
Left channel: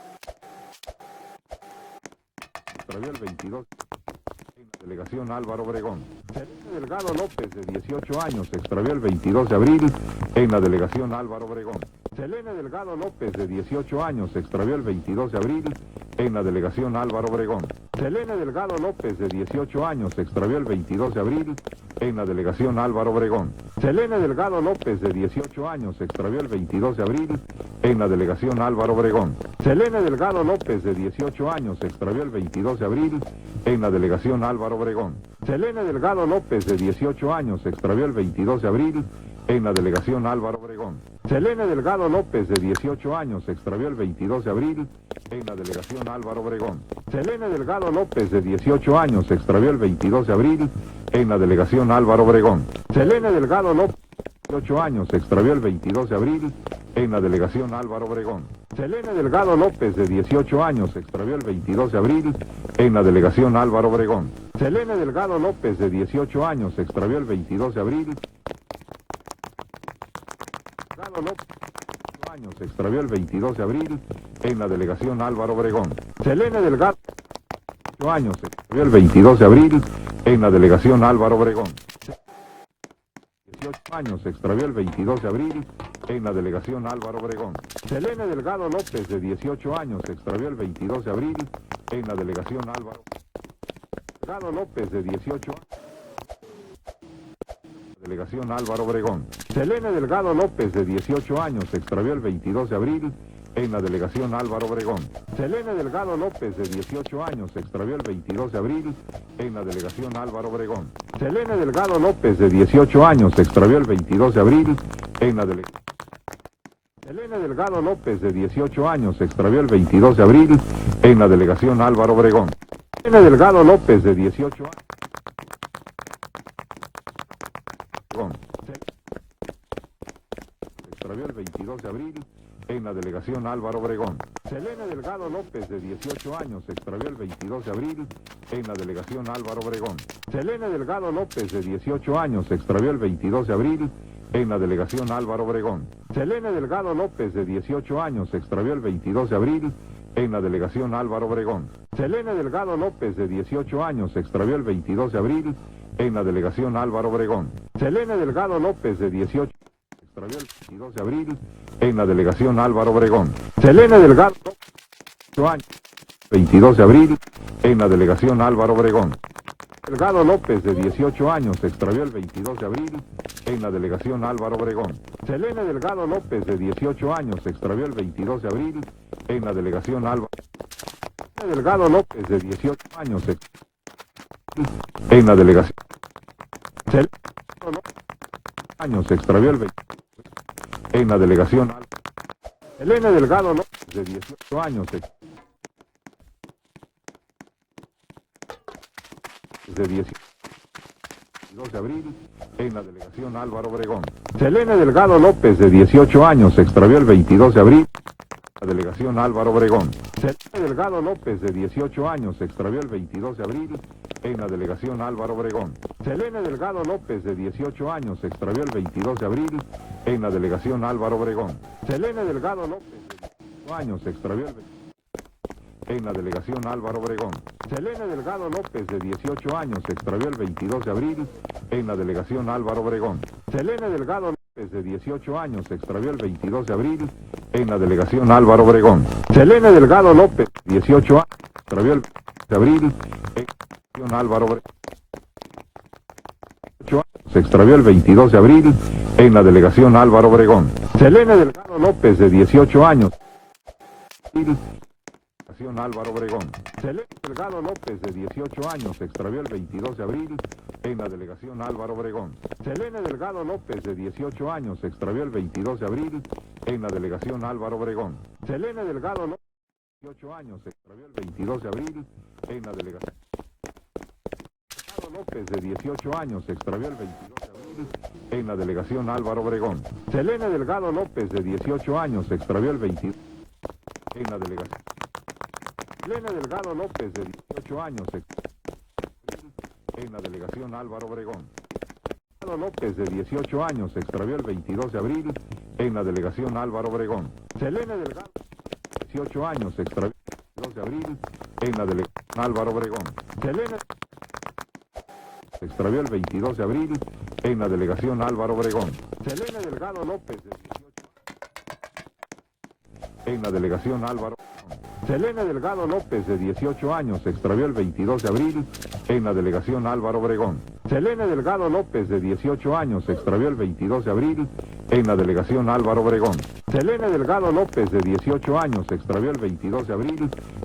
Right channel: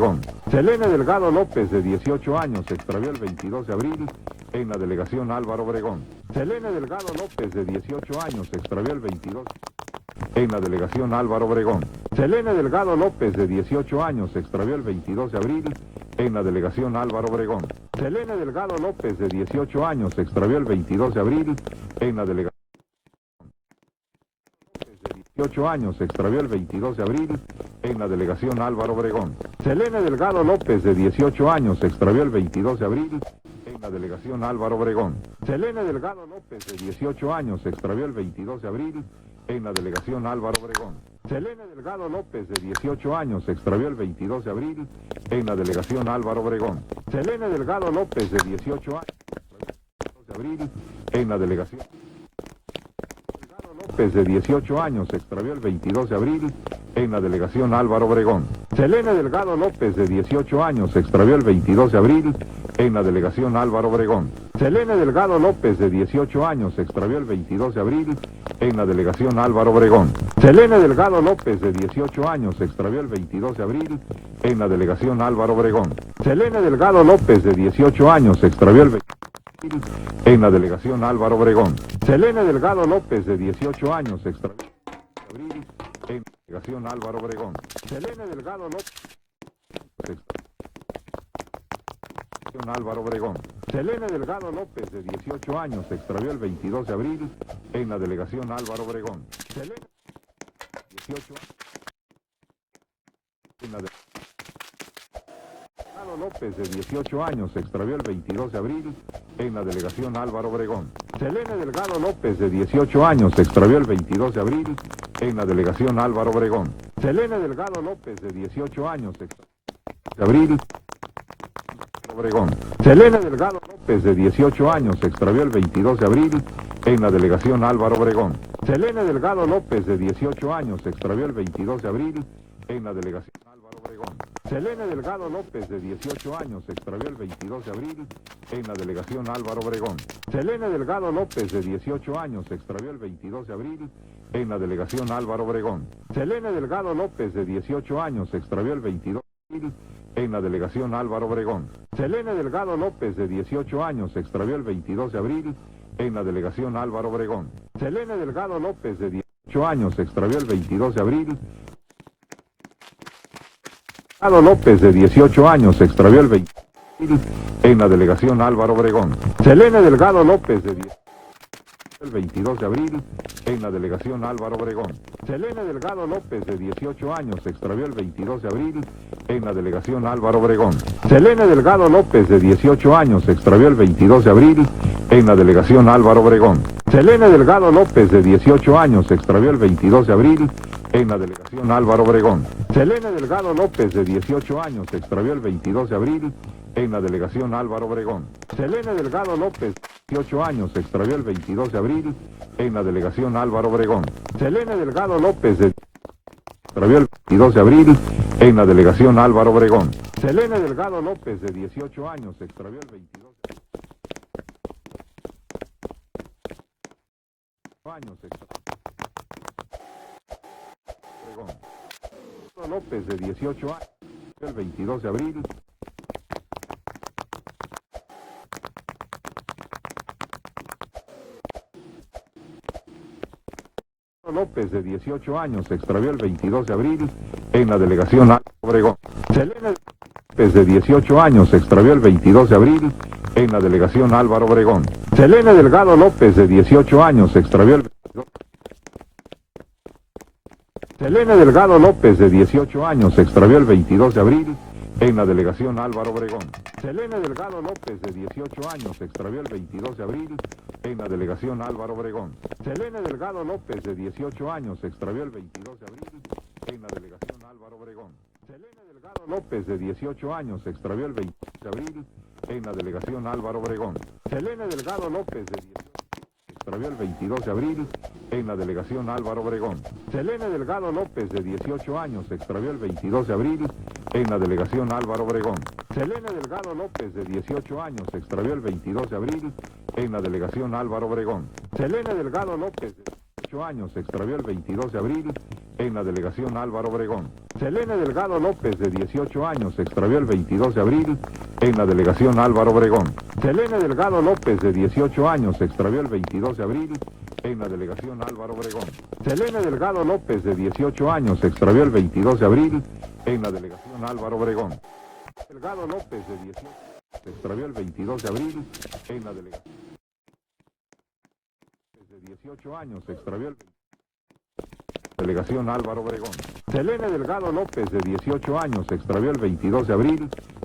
Selene Delgado López, de 18 años, se extravió el 22 de abril en la delegación Álvaro Obregón. Selene Delgado López, de 18 años, se extravió el 22 de abril en la delegación Álvaro Obregón. Selene Delgado López, de 18 años, se extravió el 22 de abril en la delegación Álvaro Obregón. Selene Delgado López, de 18 años, se extravió el 22 de abril en la delegación Álvaro Obregón. Selene Delgado López, de 18 años, se extravió el 22 de abril en la delegación Álvaro Obregón. Selene Delgado López, de 18 años, se extravió el 22 de abril en la delegación Álvaro Obregón. Selene Delgado López, de 18 años, se extravió el 22 de abril en la delegación Álvaro Obregón. Selene Delgado López, de 18 años, se extravió el 22 de abril en la delegación Álvaro Obregón. Selene Delgado López, de 18 años, se extravió el 22 de abril en la delegación Álvaro Obregón. Selene Delgado López, de 18 años, se extravió el 22 de abril en la delegación Álvaro Obregón. Selene Delgado López, de 18 años, se extravió el 22 de abril en la delegación Álvaro Obregón. Selene Delgado López, de 18 años, se extravió el 22 de abril en la delegación Álvaro Obregón. Selene Delgado López, de 18 años, se extravió el 22 de abril en la delegación Álvaro Obregón. Selene Delgado López, de 18 años, se extravió el 22 de abril en la delegación Álvaro Obregón. Selene Delgado López, de 18 años, se extravió el 22 de abril en la delegación Álvaro Obregón. Selene Delgado López, de 18 años, se extravió el 22 de abril en la delegación Álvaro Obregón. Selene Delgado López, de 18 años, se extravió el 22 de abril en la delegación Álvaro Obregón. Selene Delgado López, de 18 años, se extravió el 22 de abril en la delegación Álvaro Obregón. Selene Delgado López, de 18 años, se extravió el 22 de abril en la delegación Álvaro Obregón. Selene Delgado López, de 18 años, se extravió el 22 de abril en la delegación Álvaro Obregón. Selene Delgado López, de 18 años, se extravió el 22 de abril en la delegación Álvaro Obregón. Selene Delgado López, de 18 años, se extravió el 22 de abril en la delegación Álvaro Obregón. Selene Delgado López, de 18 años, se extravió el 22 de abril en la delegación Álvaro Obregón. Selene Delgado López, de 18 años, se extravió el 22 de abril en la delegación Álvaro Obregón. Selene Delgado López, de 18 años, se extravió el 22 de abril en la delegación Álvaro Obregón. Selene Delgado López, de 18 años, se extravió el 22 de abril en la delegación Álvaro Obregón. Selene Delgado López, de 18 años, se extravió el 22 de abril en la delegación Álvaro Obregón. Selene Delgado López, de 18 años, se extravió el 22 de abril en la delegación Álvaro Obregón. Selene Delgado López, de 18 años, se extravió el 22 de abril en la delegación Álvaro Obregón. Selene Delgado López, de 18 años, se extravió el 22 de abril en la delegación Álvaro Obregón. Selene Delgado López, de 18 años, se extravió el 22 de abril en la delegación Álvaro Obregón. Selene Delgado López, de 18 años, se extravió el 22 de abril en la delegación Álvaro Obregón. Selene Delgado López, de 18 años, se extravió el 22 de abril en la delegación Álvaro Obregón. Selene Delgado López, de 18 años, se extravió el 22 de abril en la delegación Álvaro Obregón. Selene Delgado López, de 18 años, se extravió el 22 de abril en la delegación Álvaro Obregón. Selene Delgado López, de 18 años, se extravió el 22 de abril en la delegación Álvaro Obregón. Selene Delgado López, de 18 años, se extravió el 22 de abril en la delegación Álvaro Obregón. Selene Delgado López, de 18 años, se extravió el 22 de abril en la delegación Álvaro Obregón. Selene Delgado López, de 18 años, se extravió el 22 de abril en la delegación Álvaro Obregón. Selene Delgado López, de 18 años, se extravió el 22 de abril en la delegación Álvaro Obregón. Selene Delgado López, de 18 años, se extravió el 22 de abril en la delegación Álvaro Obregón. Selene Delgado López, de 18 años, se extravió el 22 de abril en la delegación Álvaro Obregón. Selene Delgado López, de 18 años, se extravió el 22 de abril en la delegación Álvaro Obregón. Selene Delgado López, de 18 años, se extravió el 22 de abril en la delegación Álvaro Obregón. Selene Delgado López, de 18 años, se extravió el 22 de abril en la delegación Álvaro Obregón. Selene Delgado López, de 18 años, se extravió el 22 de abril en la delegación Álvaro Obregón. Selene Delgado López, de 18 años, se extravió el 22 de abril en la delegación Álvaro Obregón. Selene Delgado López, de 18 años, se extravió el 22 de abril en la delegación Álvaro Obregón. Selene Delgado López, de 18 años, se extravió el 22 de abril en la delegación Álvaro Obregón. Selene Delgado López, de 18 años, se extravió el 22 de abril en la delegación Álvaro Obregón. Selene Delgado López, de 18 años, se extravió el 22 de abril en la delegación Álvaro Obregón. Selene Delgado López, de 18 años, se extravió el 22 de abril en la delegación Álvaro Obregón. Selene Delgado López, de 18 años, se extravió el 22 de abril en la delegación Álvaro Obregón. Selene Delgado López, de 18 años, se extravió el 22 de abril en la delegación Álvaro Obregón. Selene Delgado López, de 18 años, se extravió el 22 de abril en la delegación Álvaro Obregón. Selene Delgado López, de 18 años, se extravió el 22 de abril en la delegación Álvaro Obregón. Selene Delgado López, de 18 años, se extravió el 22 de abril en la delegación Álvaro Obregón. Selene Delgado López, de 18 años, se extravió el 22 de abril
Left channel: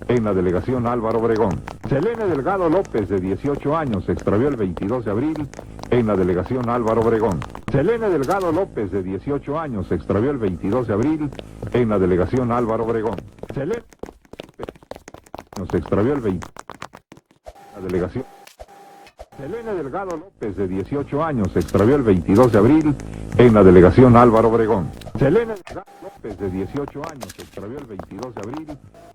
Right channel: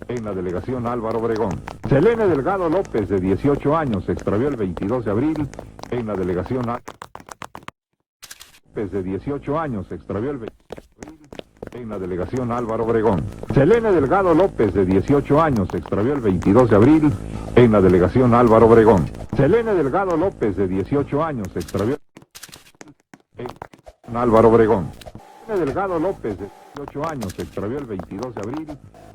en la delegación Álvaro Obregón. Selene Delgado López, de 18 años, se extravió el 22 de abril en la delegación Álvaro Obregón. Selene Delgado López, de 18 años, se extravió el 22 de abril en la delegación Álvaro Obregón. Selene Delgado López, de 18 años, se extravió el 22 de abril en la delegación Álvaro Obregón. Selene Delgado López, de 18 años, se extravió el 22 de abril en la delegación Álvaro Obregón. Selene Delgado López, de 18 años, se extravió el 22 de abril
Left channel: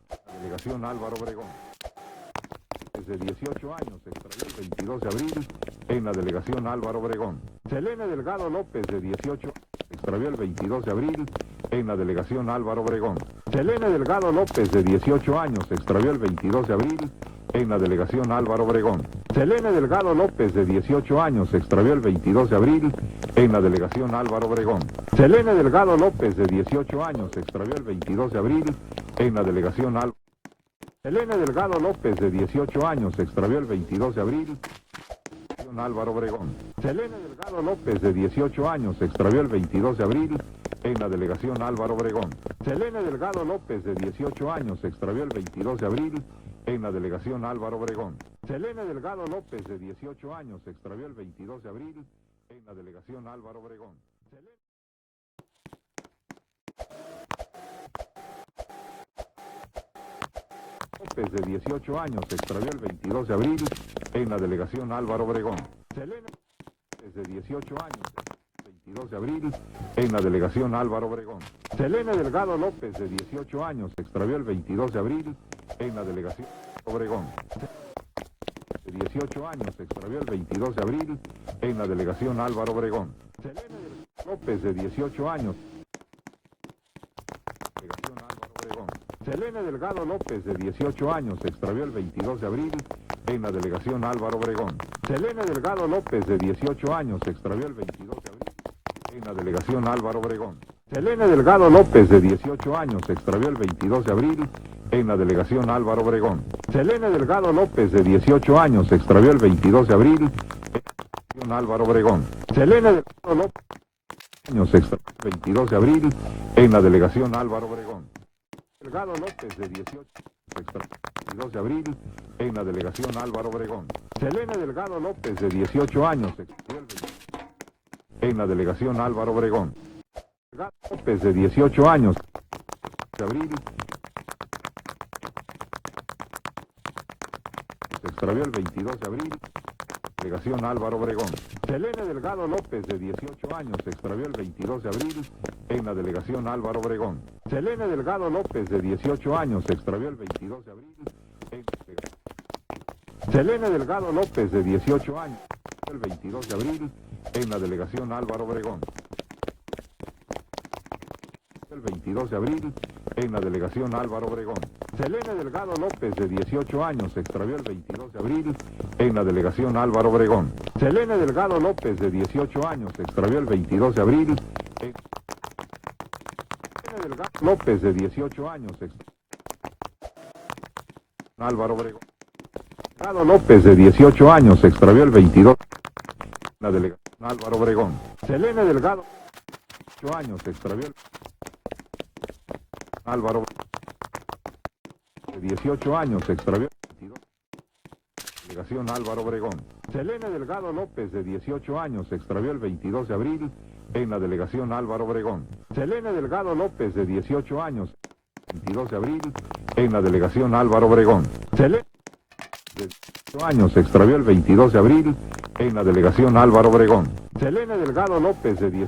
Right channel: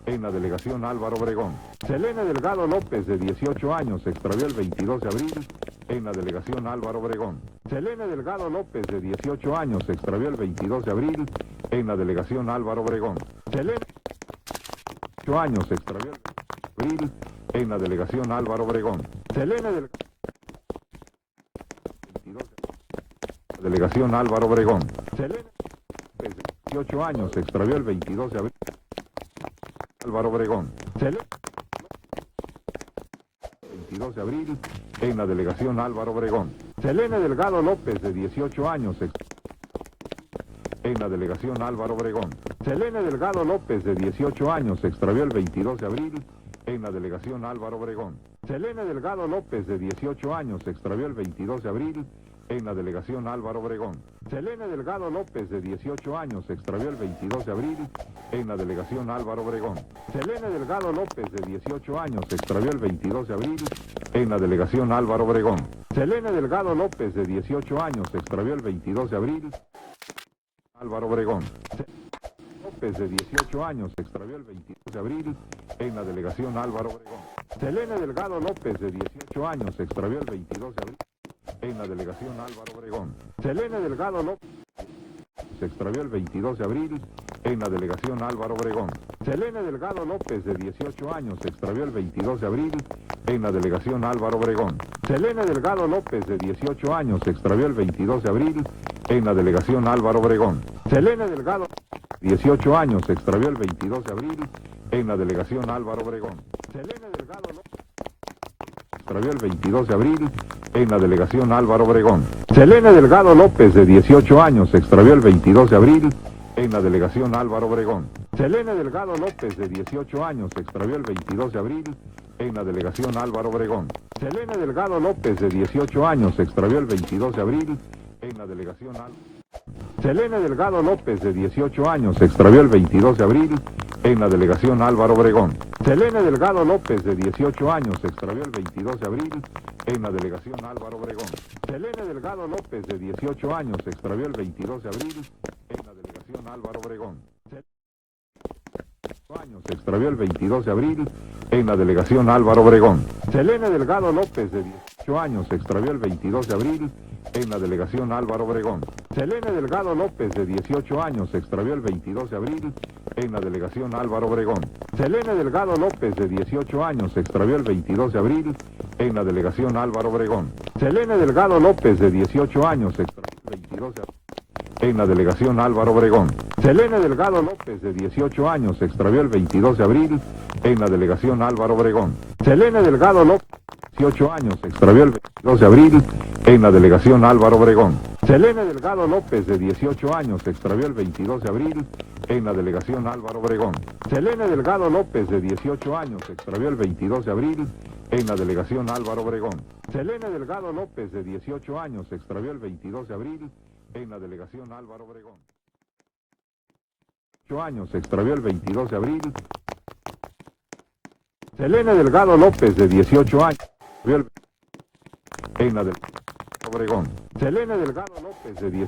en la delegación Álvaro Obregón. Selene Delgado López, de 18 años, se extravió el 22 de abril en la delegación Álvaro Obregón. Selene Delgado López, de 18 años, se extravió el 22 de abril en la delegación Álvaro Obregón. Selene Delgado López, de 18 años, se extravió el 22 de abril en la delegación Álvaro Obregón. Selene Delgado López, de 18 años, se extravió el 22 de abril en la delegación Álvaro Obregón. Selene Delgado López, de 18 años, se extravió el 22 de abril en la delegación Álvaro Obregón. Selene Delgado López, de 18 años, se extravió el 22 de abril en la delegación Álvaro Obregón. Selene Delgado López, de 18 años, se extravió el 22 de abril en la delegación Álvaro Obregón. Selene Delgado López, de 18 años, se extravió el 22 de abril en la delegación Álvaro Obregón. Selene Delgado López, de 18 años, se extravió el 22 de abril en la delegación Álvaro Obregón. Selene Delgado López, de 18 años, se extravió el 22 de abril en la delegación Álvaro Obregón. Selene Delgado López, de 18 años, se extravió el 22 de abril en la delegación Álvaro Obregón. Selene Delgado López, de 18 años, se extravió el 22 de abril en la delegación Álvaro Obregón. Selene Delgado López, de 18 años, se extravió el 22 de abril en la delegación Álvaro Obregón. Selene Delgado López, de 18 años, se extravió el 22 de abril en la delegación Álvaro Obregón. Selene Delgado López, de 18 años, se extravió el 22 de abril en la delegación Álvaro Obregón. Selene Delgado López, de 18 años, se extravió el 22 de abril en la delegación Álvaro Obregón. Selene Delgado López, de 18 años, se extravió el 22 de abril en la delegación Álvaro Obregón. Selene Delgado López, de 18 años, se extravió el 22 de abril en la delegación Álvaro Obregón. Selene Delgado López, de 18 años, se extravió el 22 de abril en la delegación Álvaro Obregón. Selene Delgado López, de 18 años, se extravió el 22 de abril en la delegación Álvaro Obregón. Selene Delgado López, de 18 años, se extravió el 22 de abril en la delegación Álvaro Obregón. Selene Delgado López, de 18 años, se extravió el 22 de abril en la delegación Álvaro Obregón. Selene Delgado López, de 18 años, se extravió el 22 de abril en la delegación Álvaro Obregón. Selene Delgado López, de 18 años, se extravió el 22 de abril en la delegación Álvaro Obregón. Selene Delgado López, de 18 años, se extravió el 22 de abril en la delegación Álvaro Obregón. Selene Delgado López, de 18 años, se extravió el 22 de abril en la delegación Álvaro Obregón. Selene Delgado López, de 18 años, se extravió el 22 de abril en la delegación Álvaro Obregón. Selene Delgado López, de 18 años, se extravió el 22 de abril en la delegación Álvaro Obregón. Selene Delgado López, de 18 años, se extravió el 22 de abril en la delegación Álvaro Obregón. Selene Delgado López, de 18 años, se extravió el 22 de abril en la delegación Álvaro Obregón. Selene Delgado López, de 18 años, se extravió el 22 de abril en la delegación Álvaro Obregón. Selene Delgado López, de 18 años, se extravió el 22 de abril en la delegación Álvaro Obregón. Selene Delgado López, de 18 años, se extravió el 22 de abril en la delegación Álvaro Obregón. Selene Delgado López, de 18 años, se extravió el 22 de abril en la delegación Álvaro Obregón. Selene Delgado López, de 18 años, se extravió el 22 de abril en la delegación Álvaro Obregón. Selene Delgado López, de 18 años, se extravió el 22 de abril en la delegación Álvaro Obregón. Selene Delgado López, de 18 años, se extravió el 22 de abril en la delegación Álvaro Obregón. Selene Delgado López, de 18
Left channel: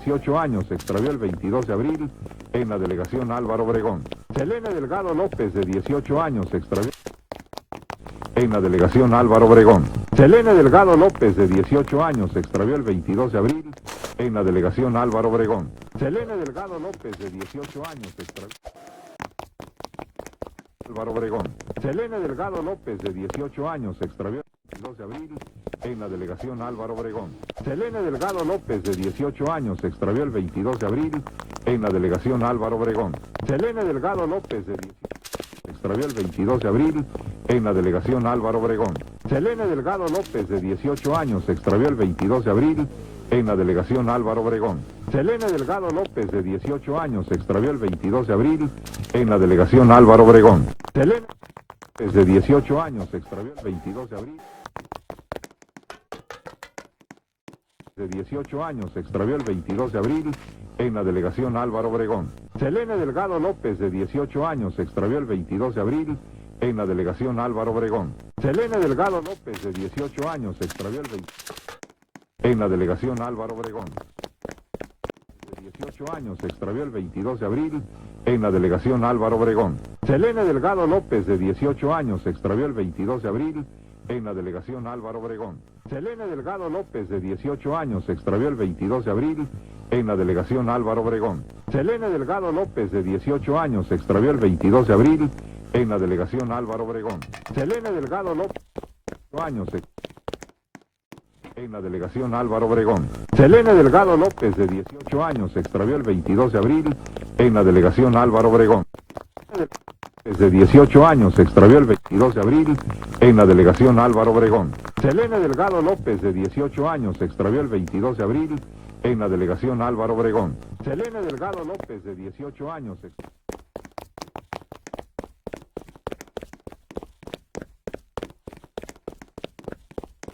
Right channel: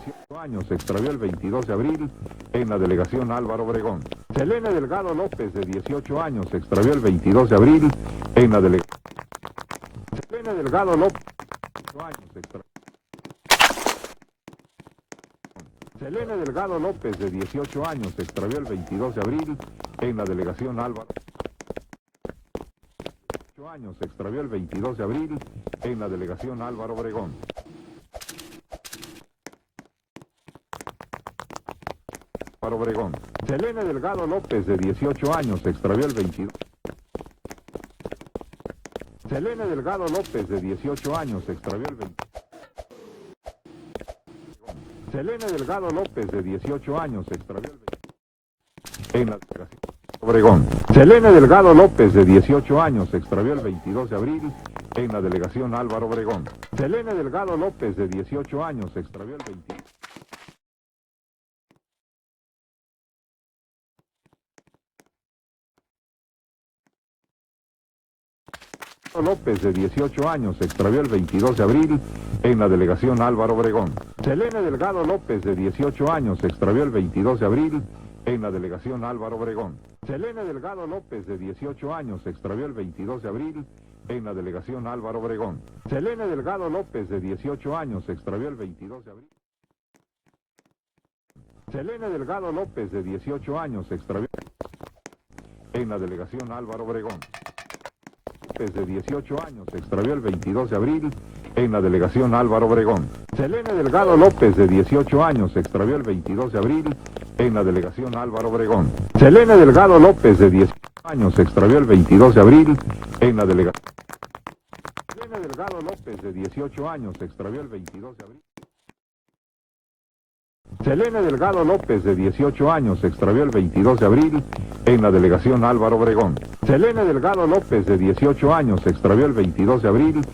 años, se extravió el 22 de abril en la delegación Álvaro Obregón. Selene Delgado López, de 18 años, se extravió el 22 de abril en la delegación Álvaro Obregón. Selene Delgado López, de 18 años, se extravió el 22 de abril en la delegación Álvaro Obregón. Selene Delgado López, de 18 años, se extravió el 22 de abril en la delegación Álvaro Obregón. Selene Delgado López, de 18 años, se extravió el 22 de abril en la delegación Álvaro Obregón. Selene Delgado López, de 18 años, se extravió el 22 de abril en la delegación Álvaro Obregón. Selene Delgado López, de 18 años, se extravió el 22 de abril en la delegación Álvaro Obregón. Selene Delgado López, de 18 años, se extravió el 22 de abril en la delegación Álvaro Obregón. Selene Delgado López, de 18 años, se extravió el 22 de abril en la delegación Álvaro Obregón. Selene Delgado López, de 18 años, se extravió el 22 de abril en la delegación Álvaro Obregón. Selene Delgado López, de 18 años, se extravió el 22 de abril en la delegación Álvaro Obregón. Selene Delgado López, de 18 años, se extravió el 22 de abril en la delegación Álvaro Obregón. Selene Delgado López, de 18 años, se extravió el 22 de abril en la delegación Álvaro Obregón. Selene Delgado López, de 18 años, se extravió el 22 de abril en la delegación Álvaro Obregón. Selene Delgado López, de 18 años, se extravió el 22 de abril en la delegación Álvaro Obregón. Selene Delgado López, de 18 años, se extravió el 22 de abril en la delegación Álvaro Obregón. Selene Delgado López, de 18 años, se extravió el 22 de abril en la delegación Álvaro Obregón. Selene Delgado López, de 18 años, se extravió el 22 de abril en la delegación Álvaro Obregón. Selene Delgado López, de 18 años, se extravió el 22 de abril en la delegación Álvaro Obregón. Selene Delgado López, de 18 años, se extravió el 22 de abril en la delegación Álvaro Obregón. Selene Delgado López, de 18 años, se extravió el 22 de abril en la delegación Álvaro Obregón. Selene Delgado López, de 18 años, se extravió el 22 de abril en la delegación Álvaro Obregón. Selene Delgado López, de 18 años, se extravió el 22 de abril en la delegación Álvaro Obregón. Selene Delgado López, de 18 años, se extravió el 22 de abril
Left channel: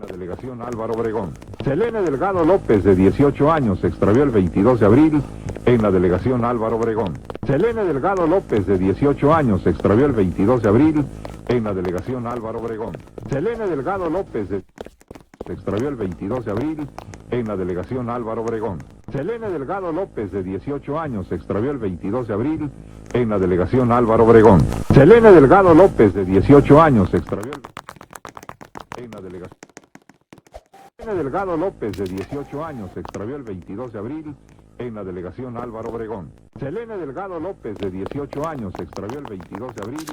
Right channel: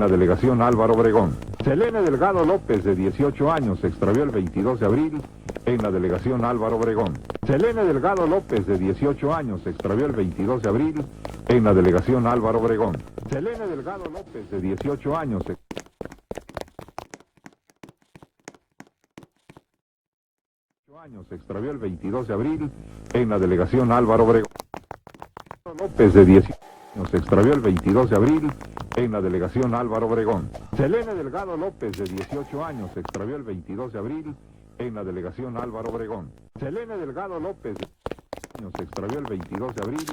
en la delegación Álvaro Obregón. Selene Delgado López, de 18 años, se extravió el 22 de abril en la delegación Álvaro Obregón. Selene Delgado López, de 18 años, se extravió el 22 de abril en la delegación Álvaro Obregón. Selene Delgado López, de 18 años, se extravió el 22 de abril en la delegación Álvaro Obregón. Selene Delgado López, de 18 años, se extravió el 22 de abril en la delegación Álvaro Obregón. Selene Delgado López, de 18 años, se extravió el 22 de abril en la delegación Álvaro Obregón. Selene Delgado López, de 18 años, se extravió el 22 de abril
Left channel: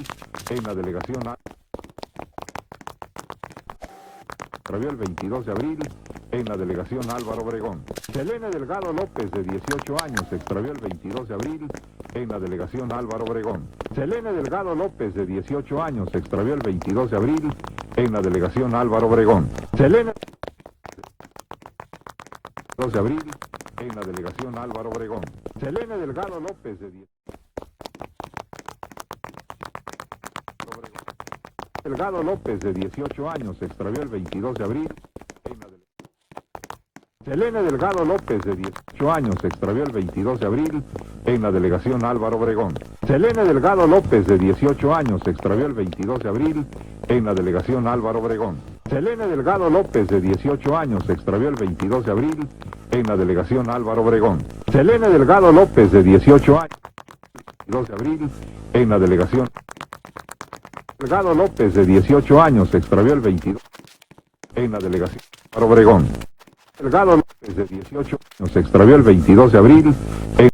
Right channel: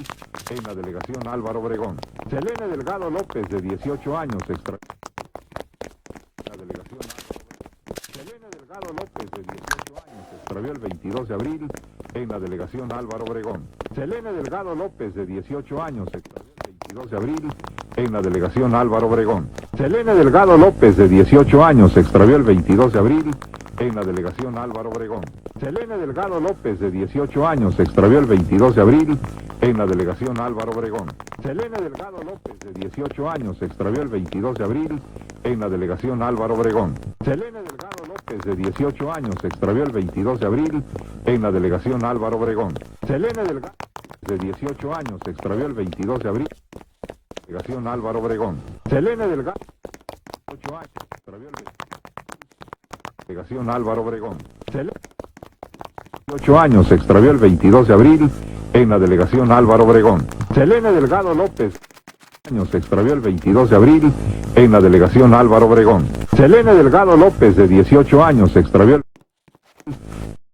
en la delegación Álvaro Obregón. Selene Delgado López, de 18 años, se extravió el 22 de abril en la delegación Álvaro Obregón. Selene Delgado López, de 18 años, se extravió el 22 de abril en la delegación Álvaro Obregón. Selene Delgado López, de 18 años, se extravió el 22 de abril en la delegación Álvaro Obregón. Selene Delgado López, de 18 años, se extravió el 22 de abril en la delegación Álvaro Obregón. Selene Delgado López, de 18 años, se extravió el 22 de abril en la delegación Álvaro Obregón. Selene Delgado López, de 18 años, se extravió el 22 de abril en la delegación Álvaro Obregón. Selene Delgado López, de 18 años, se extravió el 22 de abril en la delegación Álvaro Obregón. Selene Delgado López, de 18 años, se extravió el 22 de abril en la delegación Álvaro Obregón. Selene Delgado López, de 18 años, se extravió el 22 de abril en la delegación Álvaro Obregón. Selene Delgado López, de 18 años, se extravió el 22 de abril en la delegación Álvaro Obregón. Selene Delgado López, de 18 años, se extravió el 22 de abril en la delegación Álvaro Obregón. Selene Delgado López, de 18 años, se extravió el 22 de abril